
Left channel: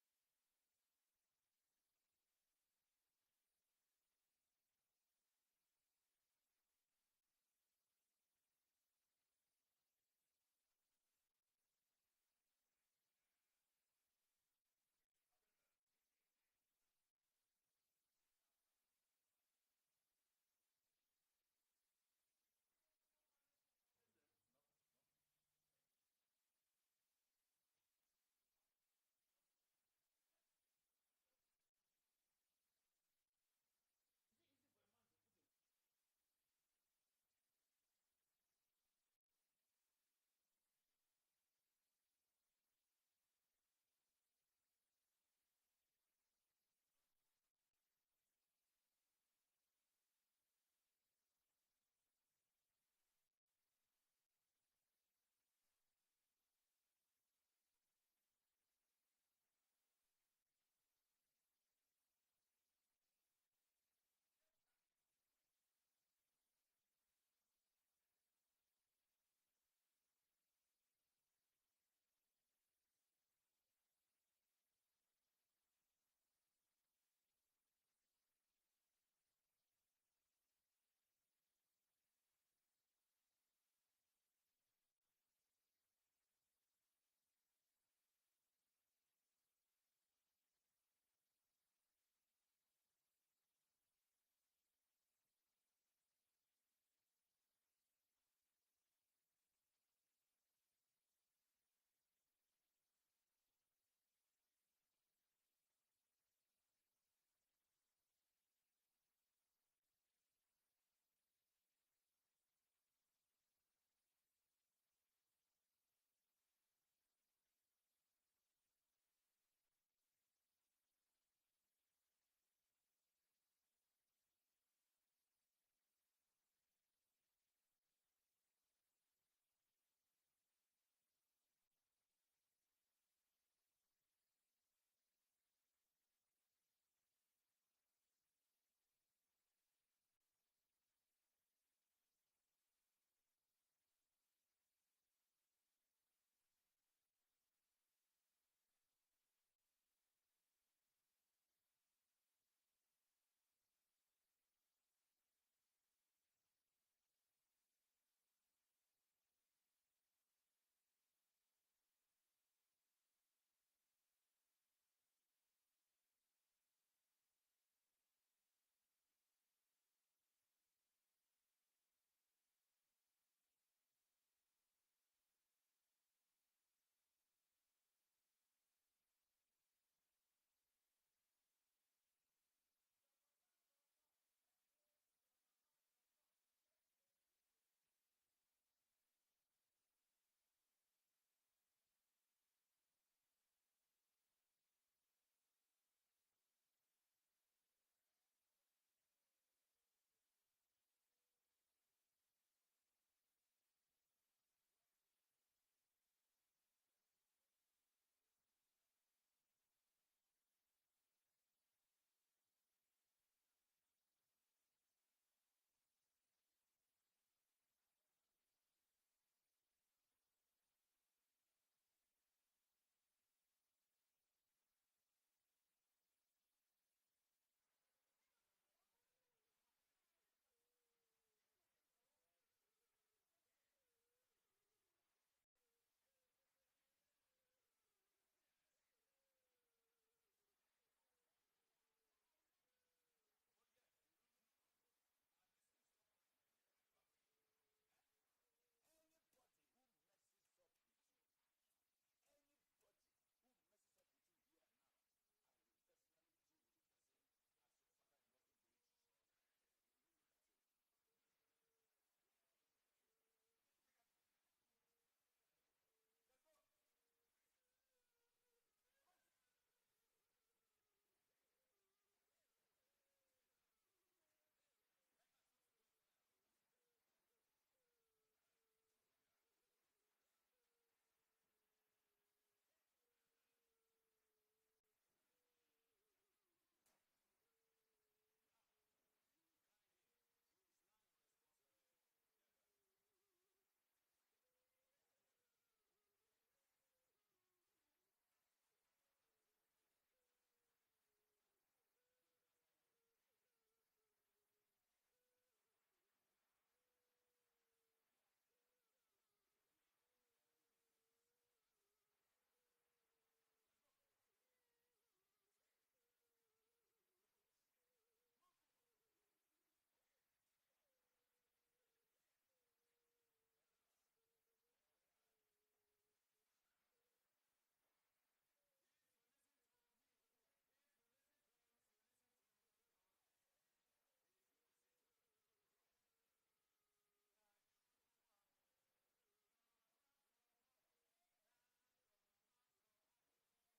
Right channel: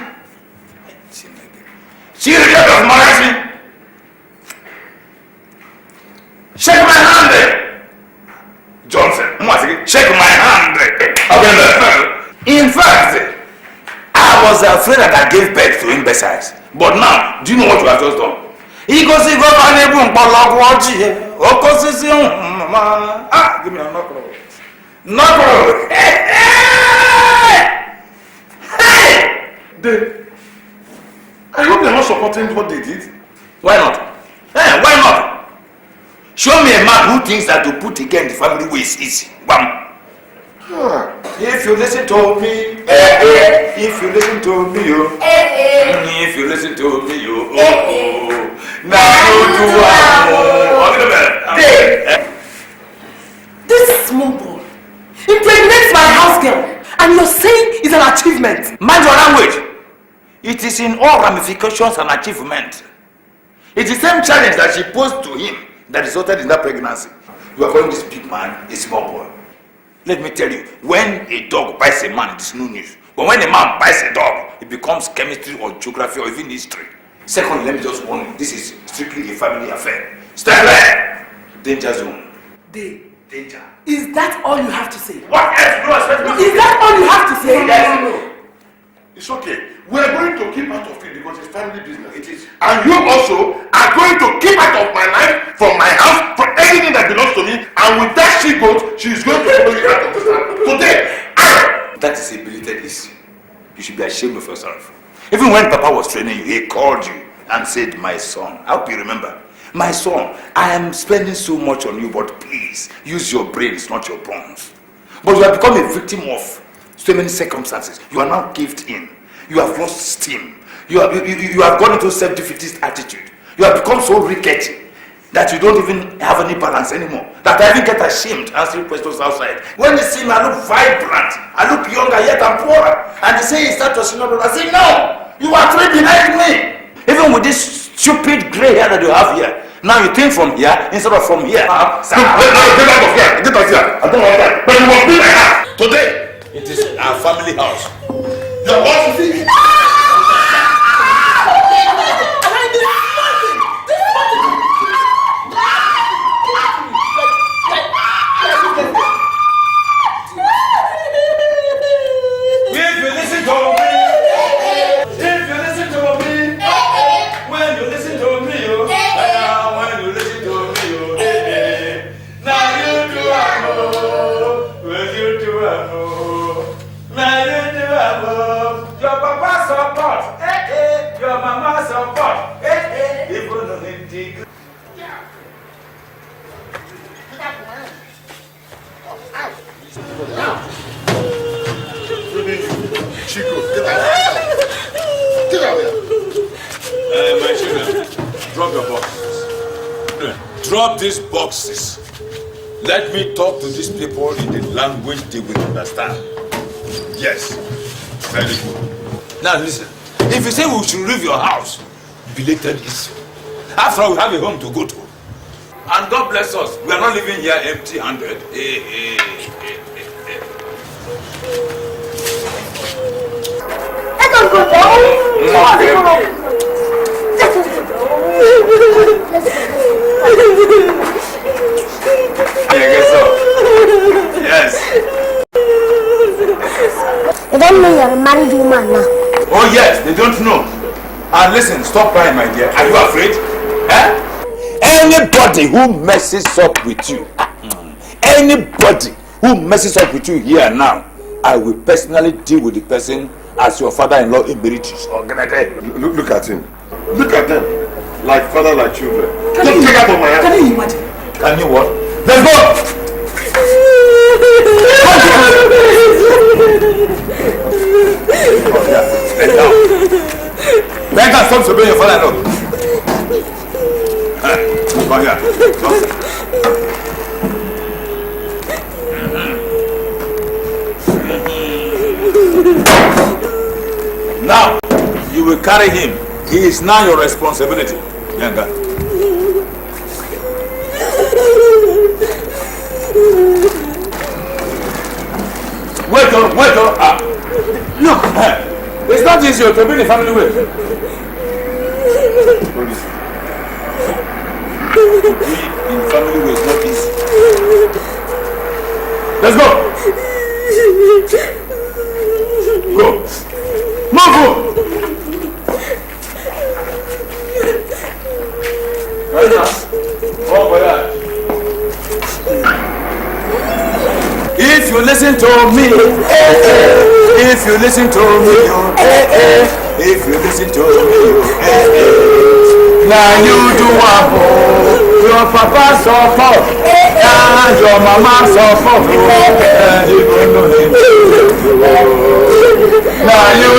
Children of Marathi. Shake my hand. Johnson, shake my hand. In fact, I was afraid that I gave birth to imbeciles. But now, do you know what you have just done? He goes, give me a knuckle. Knuckle. I hope they're not supporting what they did. Why not? Hey, why not? Show me a man who thinks that to put again the family way is easy. Bam. If you listen to me, if you listen to me, if you listen to me, now you do. This small boy impregnates my house girl, and you're saying it's an achievement. Mind your language. It is in all ramifications an achievement. It's the same challenge that she posed to him that resulted in that pregnancy. You are calling this big man a small boy. Let me tell you, when a dog bites a man, it is no news. But when a man bites a dog, it becomes chemistry or geography or even history. Secondly, let me just warn you, this is strictly a family affair. Step back! Danger zone. Danger. Is that all you have to say? What else do you expect me to say? Is that all you have to say? Yes. No. It's okay. We are going to keep out of it because it's family business. It is. And you also are going to keep out of my life, from my house, from anything that belongs to me. And with that she goes, she is going to follow you out of this house. Today. That is a belated issue. You should be ashamed of yourself. Even when Papa was training you, he called you and said, my son. I hope you remember. My son, I am spending so much on you, but please, use your brains, not your bones. But you have become a victim of so many circumstances. You are now caved in. You have lost steam. You have gone into self-defeatist attitude. You have become so rickety that you don't even have any balance anymore. That I even get ashamed answering questions outside. When they see me, I look vibrant. I look younger, yet I'm poorer. And they say, is that your senior brother? I say, no! You are 3 behind me! Even with this stupid gray hair that you have here, now you think from here instead of from here. Get out of here! Get out of here! I don't want that. But you must be my house! Today! It is our family house. Your boss is here! Drop these boxes. Let me talk to these people in the language they will understand. Yes. Very good. Now listen. If you say we should leave your house, belated issue. After all, we have a home to go to. And God bless us. We are not living here empty-handed. Let us go down. Let us They don't know you're a married woman now. Oh yes, they don't know. And listen, stop crying, my dear. Are you afraid? Eh? Anybody who messes up with you, anybody who messes up with you here and now, I will personally deal with the person as your father-in-law emeritus. Look at him. Look at them. Like father, like children. Can you imagine? Can you what? Let's go! Let us stop disobeying your father-in-law. Come here. Now, you will carry him. He is now your responsibility, young guy. Wait on. Look, it's not easy to be the family way. To be in family way is not easy. Let's go. Go. Move. Right now. Oh, boy. If you listen to me, if you listen to me, if you listen to me, now you do what your papa support and your mama support, and you don't know him. Now you